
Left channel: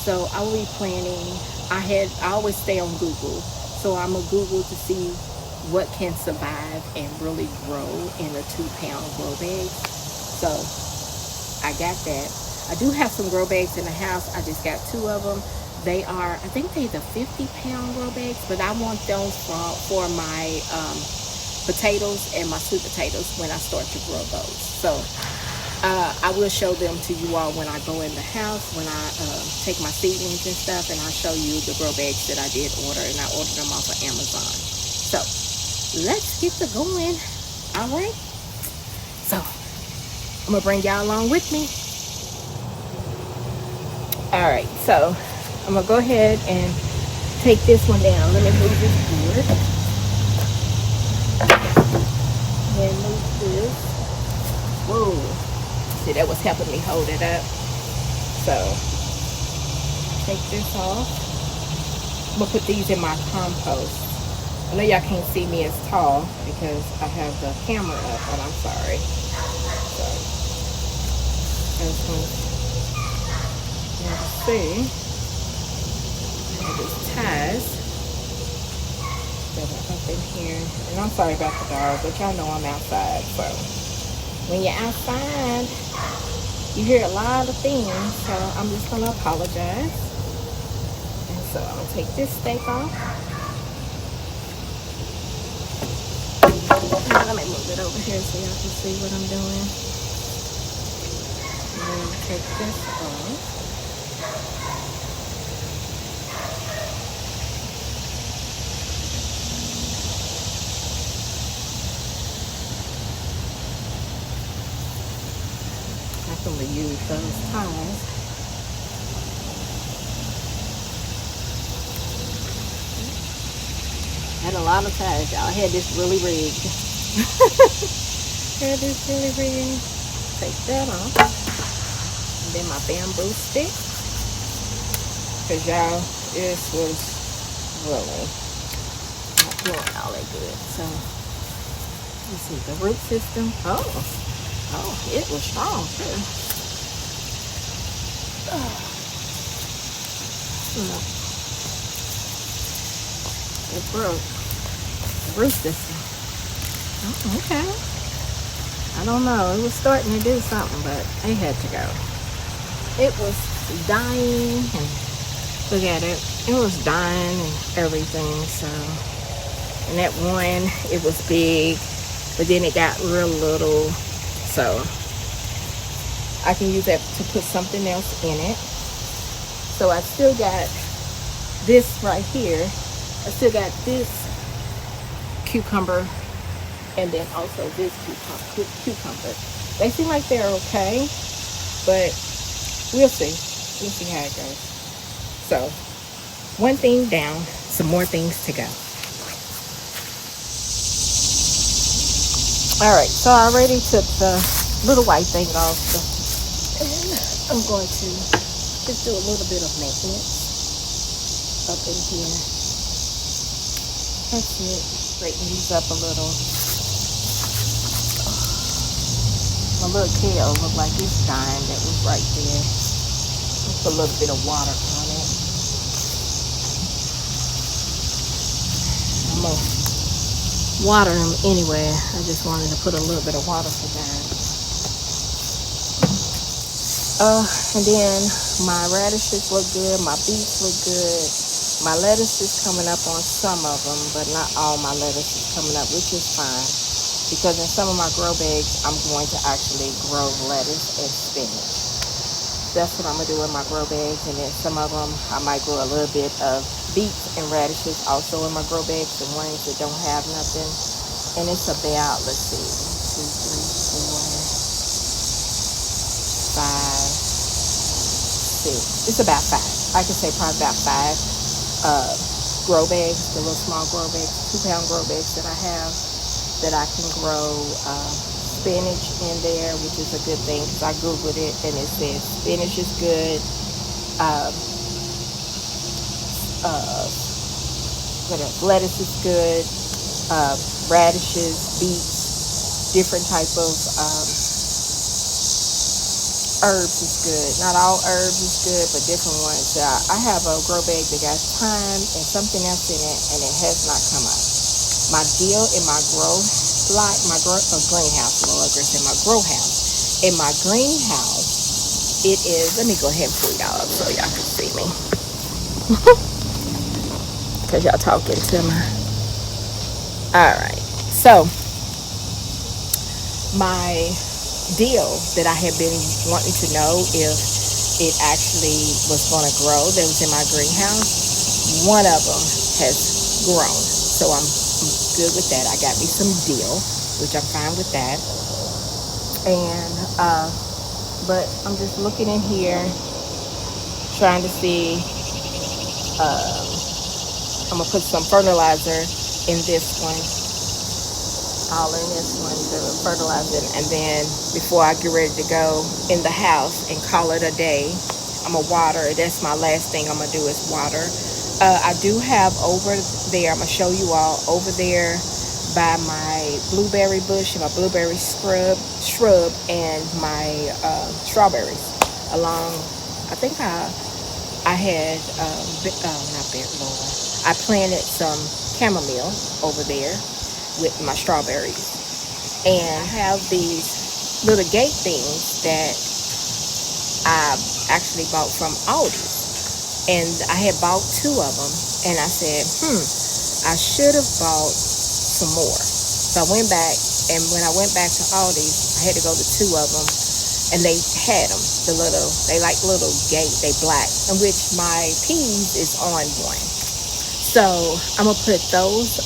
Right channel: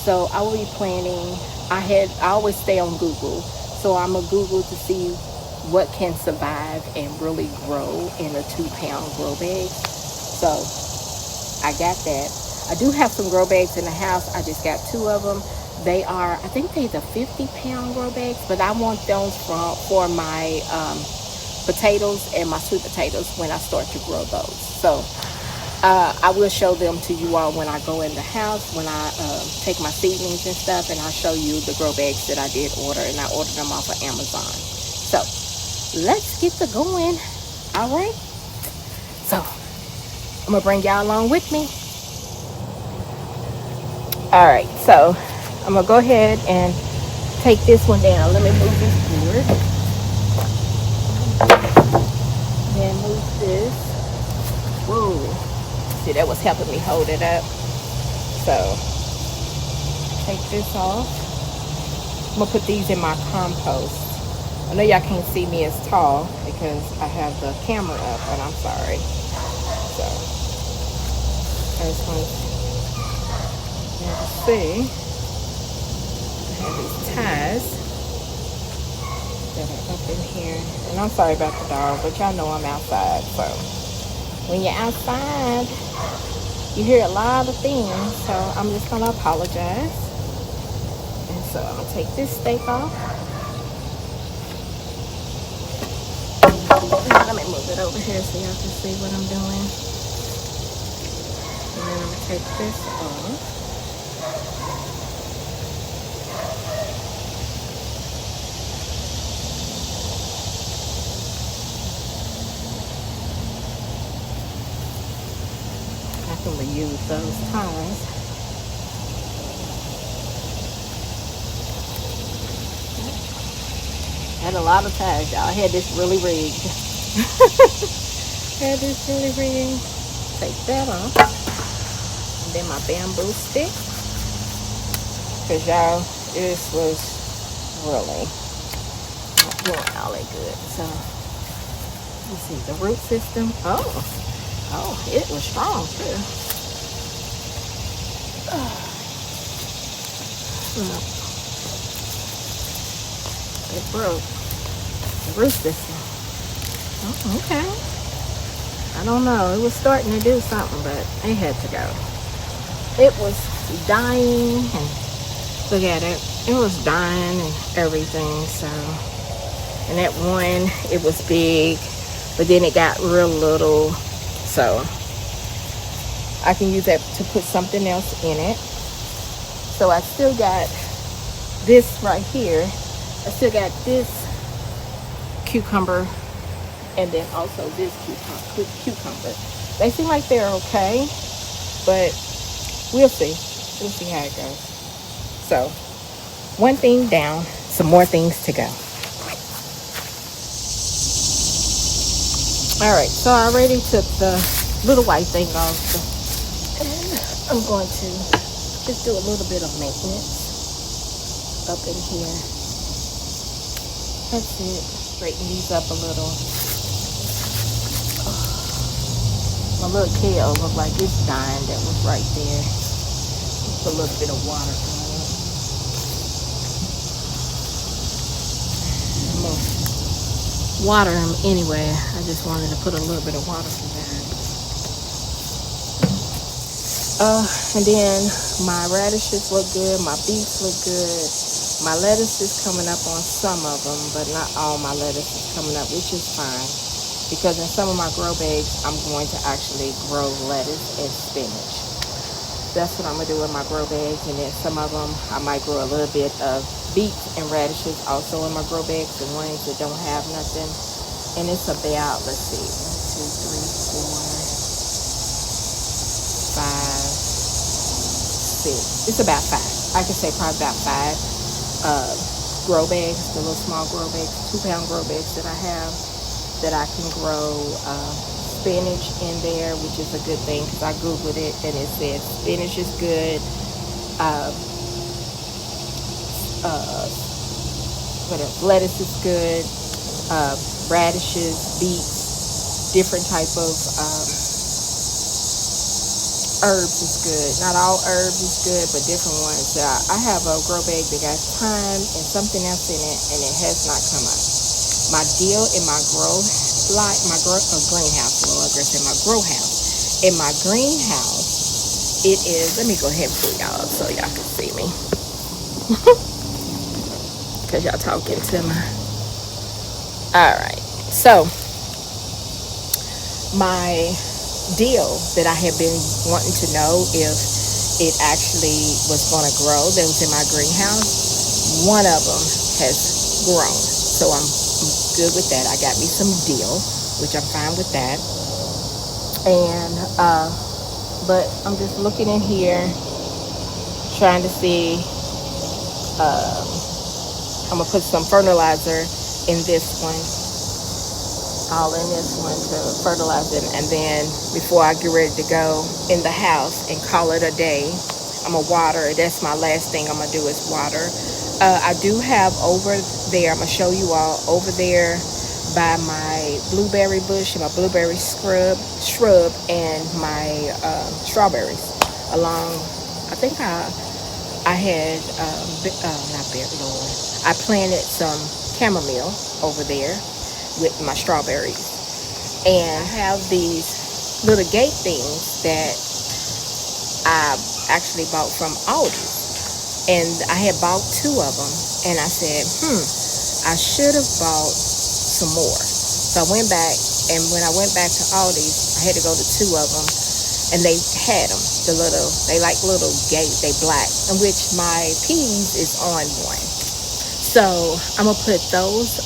So I will be planting. I always stay on Google, so I'm gonna Google to see what can survive and really grow in a 2-pound grow bag. So I got that. I do have some grow bags in the house. I just got 2 of them. They are, I think they're the 50-pound grow bags, but I want those for my potatoes and my sweet potatoes when I start to grow those. So I will show them to you all when I go in the house, when I take my seedlings and stuff, and I'll show you the grow bags that I did order, and I ordered them off of Amazon. So let's get to going. All right. So I'm gonna bring y'all along with me. All right. So I'm gonna go ahead and take this one down. Let me move this board. Then move this. Whoa. See, that was helping me hold it up. So take this off. I'm gonna put these in my compost. I know y'all can't see me as tall because I have the camera up, and I'm sorry. So I just want you to see. I have these ties that are up in here, and I'm sorry about the dog, but y'all know I'm outside. So when you're outside, you hear a lot of things, so I'm just gonna apologize. And so I'm gonna take this stake off. And let me move it over here so y'all can see what I'm doing. And then I'm gonna take this off. I can reuse those ties. I had a lot of ties, y'all. I had this really rigged. Had this really rigged. Take that off. And then my bamboo stick. Because y'all, this was really not doing all that good. So, let's see, the root system. Oh, it was strong too. It broke the root system. Oh, okay. I don't know. It was starting to do something, but it had to go. It was dying, and look at it. It was dying and everything. So, and that one, it was big, but then it got real little. So I can use that to put something else in it. So I still got this right here. I still got this cucumber, and then also this cucumber. They seem like they're okay, but we'll see. We'll see how it goes. So, one thing down, some more things to go. All right, so I already took the little white thing off, and I'm going to just do a little bit of maintenance up in here. That's it. Straighten these up a little. Oh, my little kale looked like it's dying. That was right there. I'll put a little bit of water on it. I'm going to water them anyway. I just wanted to put a little bit of water for that. And then my radishes look good. My beets look good. My lettuce is coming up on some of them, but not all my lettuce is coming up, which is fine. Because in some of my grow bags, I'm going to actually grow lettuce and spinach. That's what I'm going to do in my grow bags. And then some of them, I might grow a little bit of beets and radishes also in my grow bags, the ones that don't have nothing. And it's about, let's see, 1, 2, 3, 4, 5, 6. It's about 5. I can say probably about 5 grow bags, the little small grow bags, 2-pound grow bags that I have, that I can grow spinach in there, which is a good thing because I googled it and it says spinach is good. What else? Lettuce is good. Radishes, beets, different type of herbs is good. Not all herbs is good, but different ones. I have a grow bag that got thyme and something else in it, and it has not come up. My deal in my greenhouse, Lord, in my grow house. In my greenhouse, it is, let me go ahead and pull y'all up so y'all can see me. Because y'all talking to me. Alright, so my deal that I have been wanting to know if it actually was going to grow that was in my greenhouse, one of them has grown, so I'm good with that. I got me some dill, which I'm fine with that. And but I'm just looking in here trying to see. I'm gonna put some fertilizer in this one, all in this one to fertilize it, and then before I get ready to go in the house and call it a day, I'm gonna water. That's my last thing I'm gonna do is water. I do have over there, I'm gonna show you all over there by my blueberry bush and my blueberry shrub and my strawberries along. I think I had I planted some chamomile over there with my strawberries, and I have these little gate things that I actually bought from Aldi, and I had bought 2 of them, and I said I should have bought some more. So I went back, and when I went back to Aldi's, I had to go to 2 of them, and they had them, they like little gate, they black, in which my peas is on one. So I'm gonna put those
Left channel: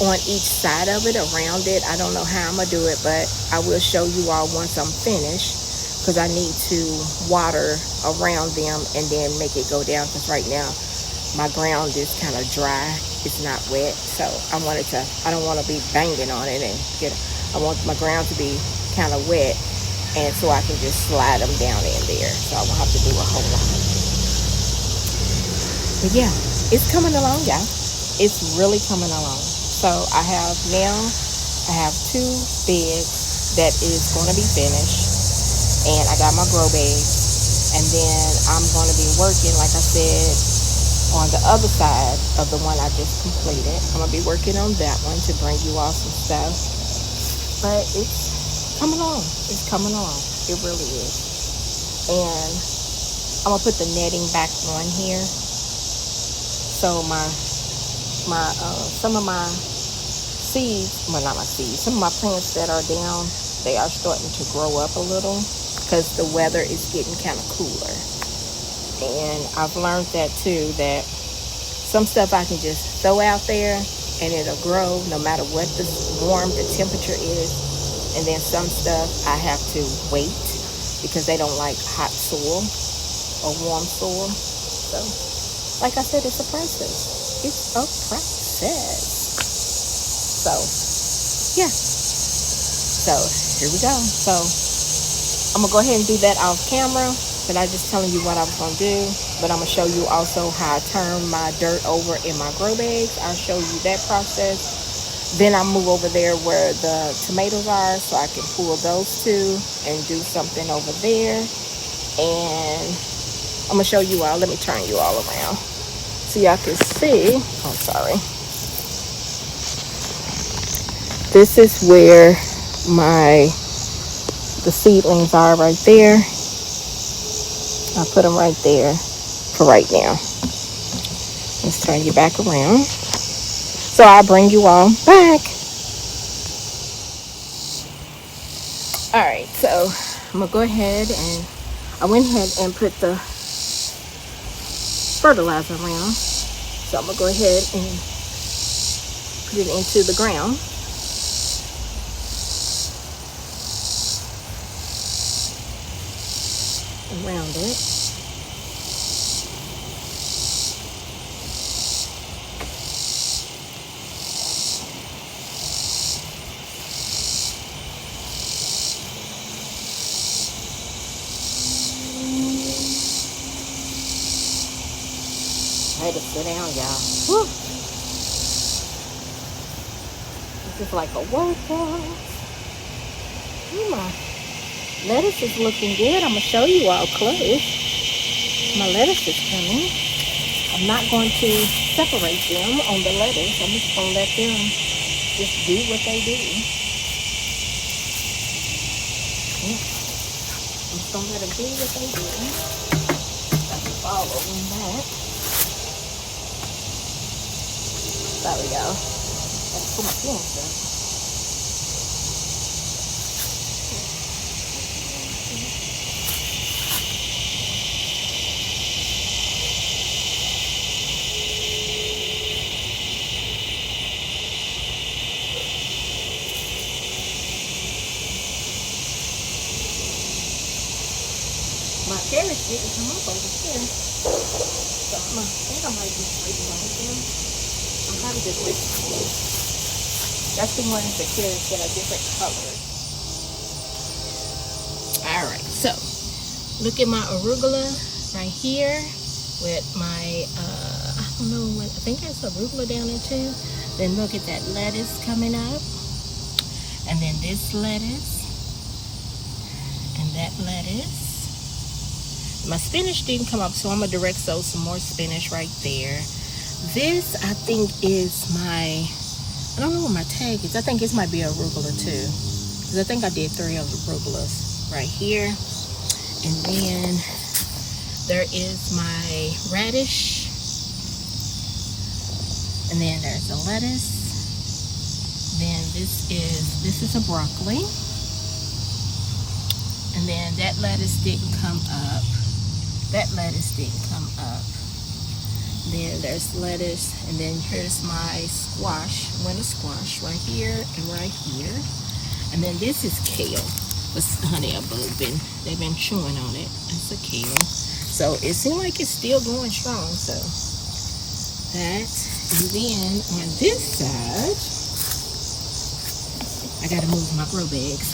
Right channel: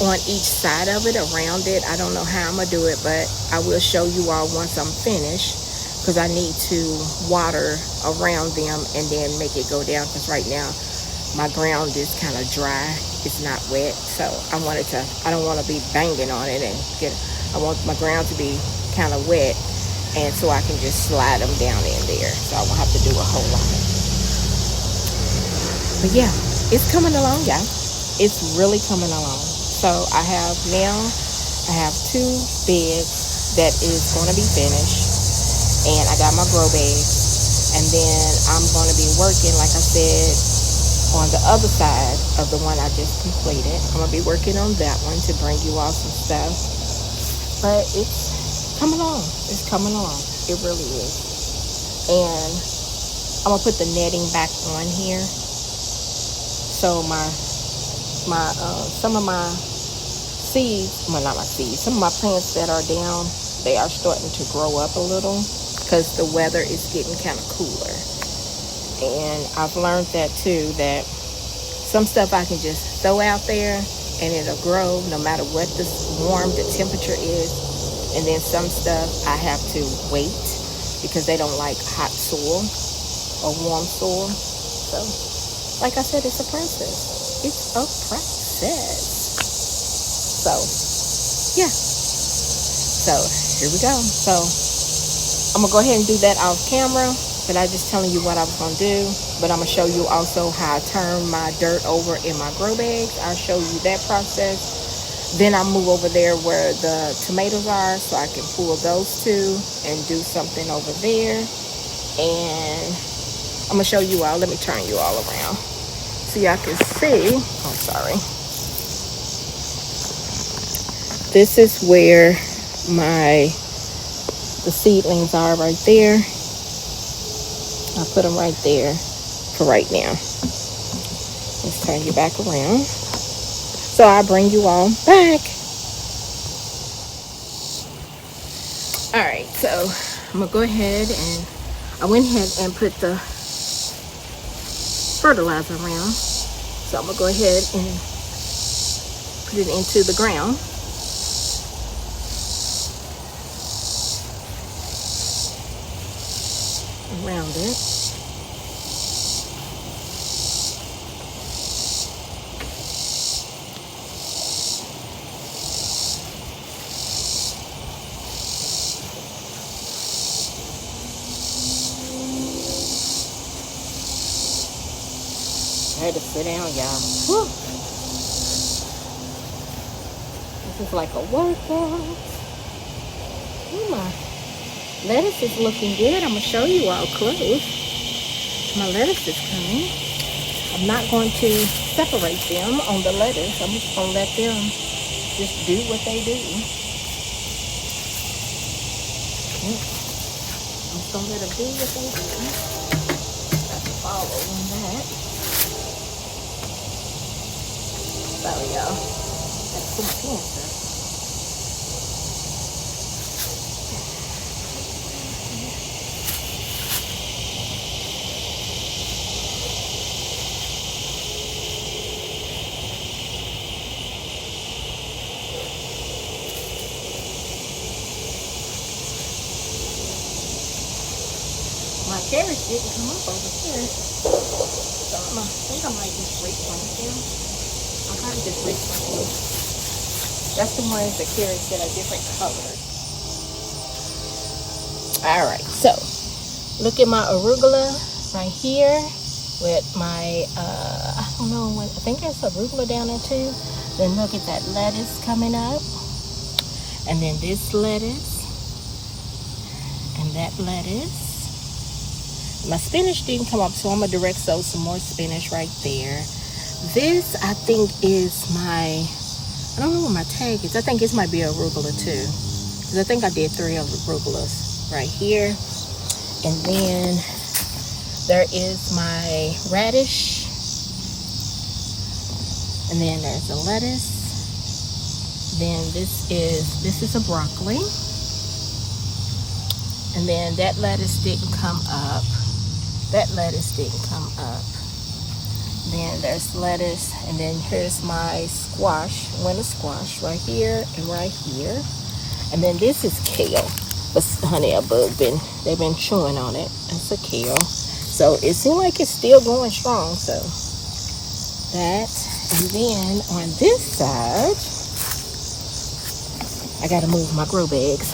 on each side of it, around it. I don't know how I'm gonna do it, but I will show you all once I'm finished, because I need to water around them and then make it go down, because right now my ground is kind of dry, it's not wet. So I don't want to be banging on it and I want my ground to be kind of wet, and so I can just slide them down in there, so I won't have to do a whole lot. But yeah, it's coming along, y'all. It's really coming along. So I have 2 beds that is going to be finished, and I got my grow bags, and then I'm going to be working, like I said, on the other side of the one I just completed. I'm going to be working on that one to bring you all some stuff. But it's coming along. It's coming along. It really is. And I'm gonna put the netting back on here. So some of my seeds, well, not my seeds, some of my plants that are down, they are starting to grow up a little because the weather is getting kind of cooler. And I've learned that too, that some stuff I can just throw out there and it'll grow no matter what the temperature is. And then some stuff I have to wait because they don't like hot soil or warm soil. So, like I said, it's a process. It's a process. So, yeah. So, here we go. So, I'm going to go ahead and do that off camera. But I'm just telling you what I was going to do. But I'm going to show you also how I turn my dirt over in my grow bags. I'll show you that process. Then I'll move over there where the tomatoes are so I can pull those two and do something over there. And I'm going to show you all. Let me turn you all around so y'all can see. Oh, sorry. This is where the seedlings are right there. I'll put them right there for right now. Let's turn you back around. So I'll bring you all back. Alright, so I'm going to go ahead and I went ahead and put the fertilizer around. So I'm going to go ahead and put it into the ground. Around it. I had to sit down, y'all. Woo. This is like a workout. Oh my. Lettuce is looking good. I'm going to show you all close. My lettuce is coming. I'm not going to separate them on the lettuce. I'm just going to let them just do what they do. Yep. I'm just going to let them do what they do. I can follow on that. Sorry, y'all. Got to pull my pants up. My carrots didn't come up over here. So I think I might just replant them. I'll probably just replant them. That's the ones, the carrots that are different colors. Alright, so look at my arugula right here with my, I don't know, I think that's arugula down there too. Then look at that lettuce coming up. And then this lettuce. And that lettuce. My spinach didn't come up, so I'm going to direct sow some more spinach right there. This, I think, is my, I don't know what my tag is. I think this might be arugula too. Because I think I did 3 arugulas right here. And then there is my radish. And then there's the lettuce. Then this is a broccoli. And then that lettuce didn't come up. That lettuce didn't come up. Then there's lettuce, and then here's my squash, winter squash right here and right here. And then this is kale. But honey, they've been chewing on it. It's a kale. So it seems like it's still going strong. So that, and then on this side, I gotta move my grow bags.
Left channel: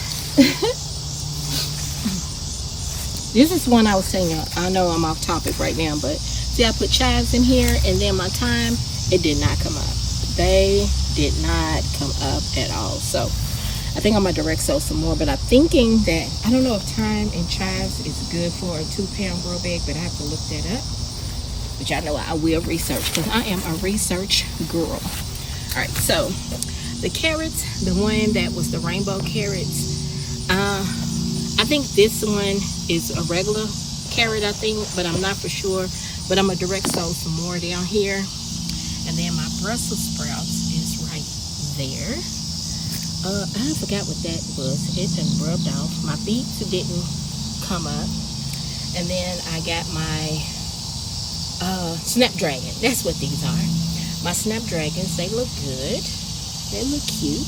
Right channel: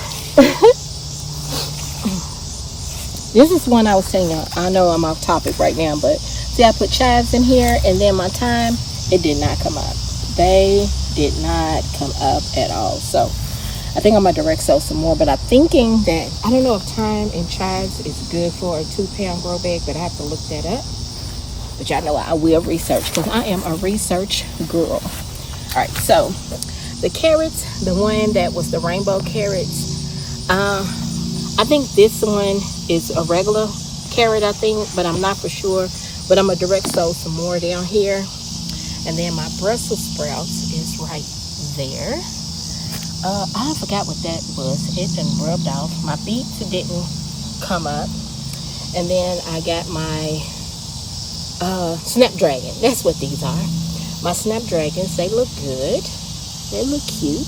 This is one I was saying, I know I'm off topic right now, but see, I put chives in here, and then my thyme, it did not come up. They did not come up at all. So I think I'm going to direct sow some more, but I'm thinking that, I don't know if thyme and chives is good for a 2-pound grow bag, but I have to look that up. But y'all know I will research, because I am a research girl. All right, so the carrots, the one that was the rainbow carrots, I think this one is a regular carrot, I think, but I'm not for sure. But I'm gonna direct sow some more down here. And then my Brussels sprouts is right there. I forgot what that was. It been rubbed off. My beets didn't come up. And then I got my snapdragon. That's what these are. My snapdragons, they look good. They look cute.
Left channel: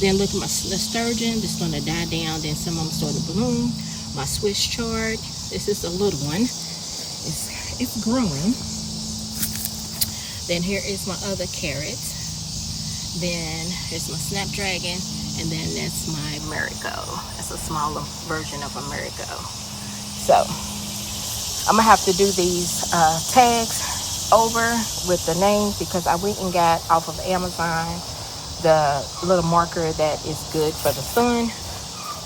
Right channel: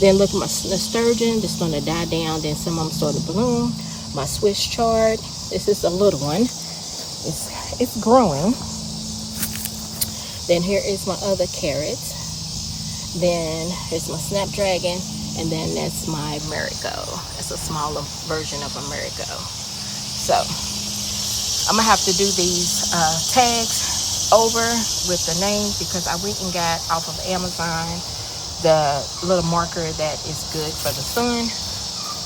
Then look at my nasturtium, that's gonna die down. Then some of them started to bloom. My Swiss chard, this is a little one. It's growing. Then here is my other carrots. Then here's my snapdragon, and then that's my marigold. That's a smaller version of a marigold. So I'm gonna have to do these tags over with the names, because I went and got off of Amazon the little marker that is good for the sun,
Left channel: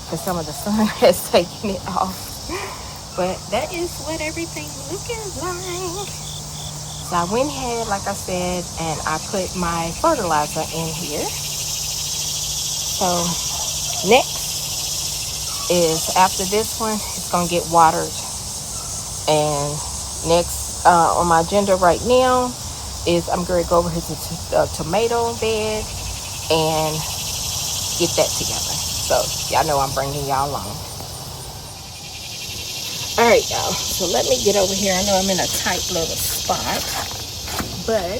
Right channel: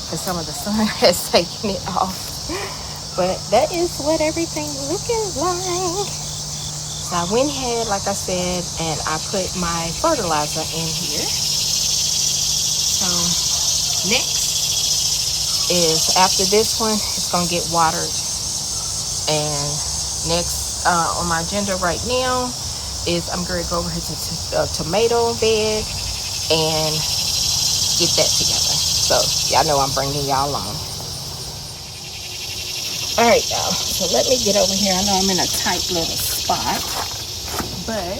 because some of the sun has taken it off. But that is what everything looking like. So I went ahead, like I said, and I put my fertilizer in here. So next is, after this one, it's gonna get watered. And next on my agenda right now is I'm gonna go over here to the tomato bed and get that together. So y'all know I'm bringing y'all along. All right, y'all, so let me get over here. I know I'm in a tight little spot, but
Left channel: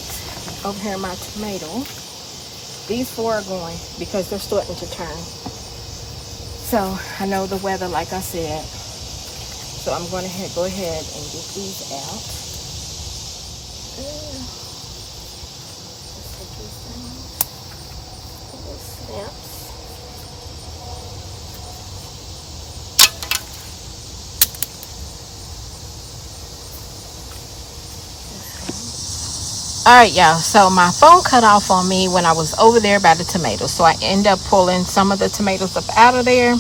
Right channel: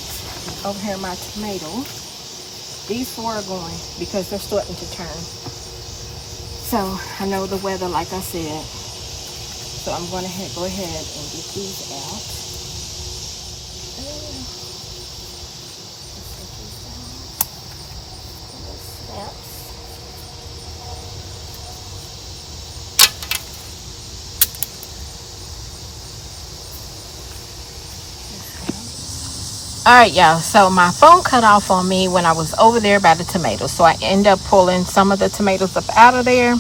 over here my tomato, these 4 are going because they're starting to turn. So I know the weather, like I said, so I'm going to go ahead and get these out. Let's take these down. Little snaps. All right, y'all, so my phone cut off on me when I was over there by the tomatoes, so I end up pulling some of the tomatoes up out of there,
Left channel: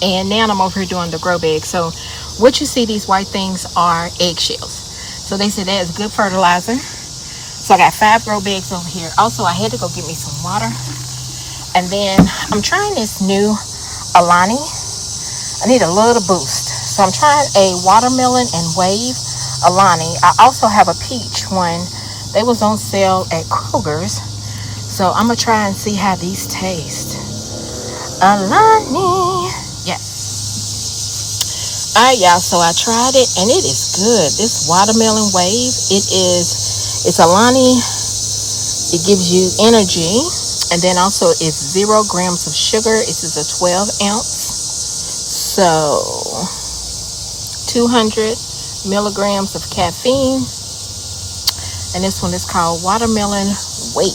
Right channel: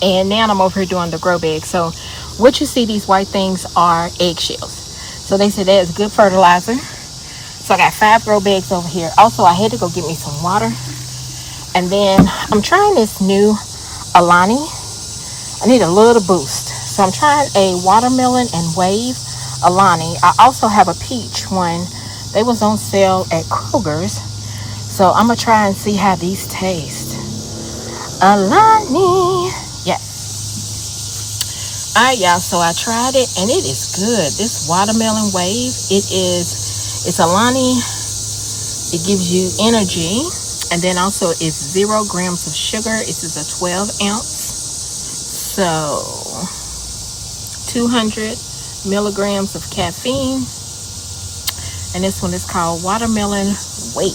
and now I'm over here doing the grow bag. So what you see, these white things are eggshells, so they said that is good fertilizer. So I got 5 grow bags over here. Also, I had to go get me some water, and then I'm trying this new Alani. I need a little boost, so I'm trying a watermelon and wave Alani. I also have a peach one. They was on sale at Kroger's, so I'm gonna try and see how these taste. Alani, yeah. All right, y'all, so I tried it and it is good. This watermelon wave, it's Alani. It gives you energy, and then also it's 0 grams of sugar. This is a 12 ounce, so 200 milligrams of caffeine, and this one is called watermelon wave.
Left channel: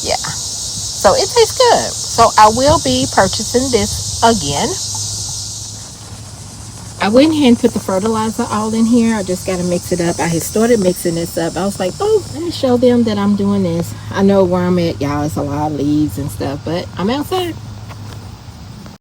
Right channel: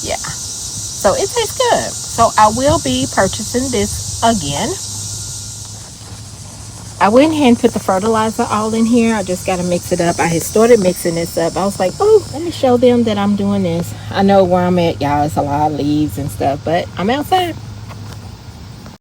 Yeah, so it tastes good. So I will be purchasing this again. I went ahead and put the fertilizer all in here. I just got to mix it up. I had started mixing this up. I was like, oh, let me show them that I'm doing this. I know where I'm at, y'all. It's a lot of leaves and stuff, but I'm outside.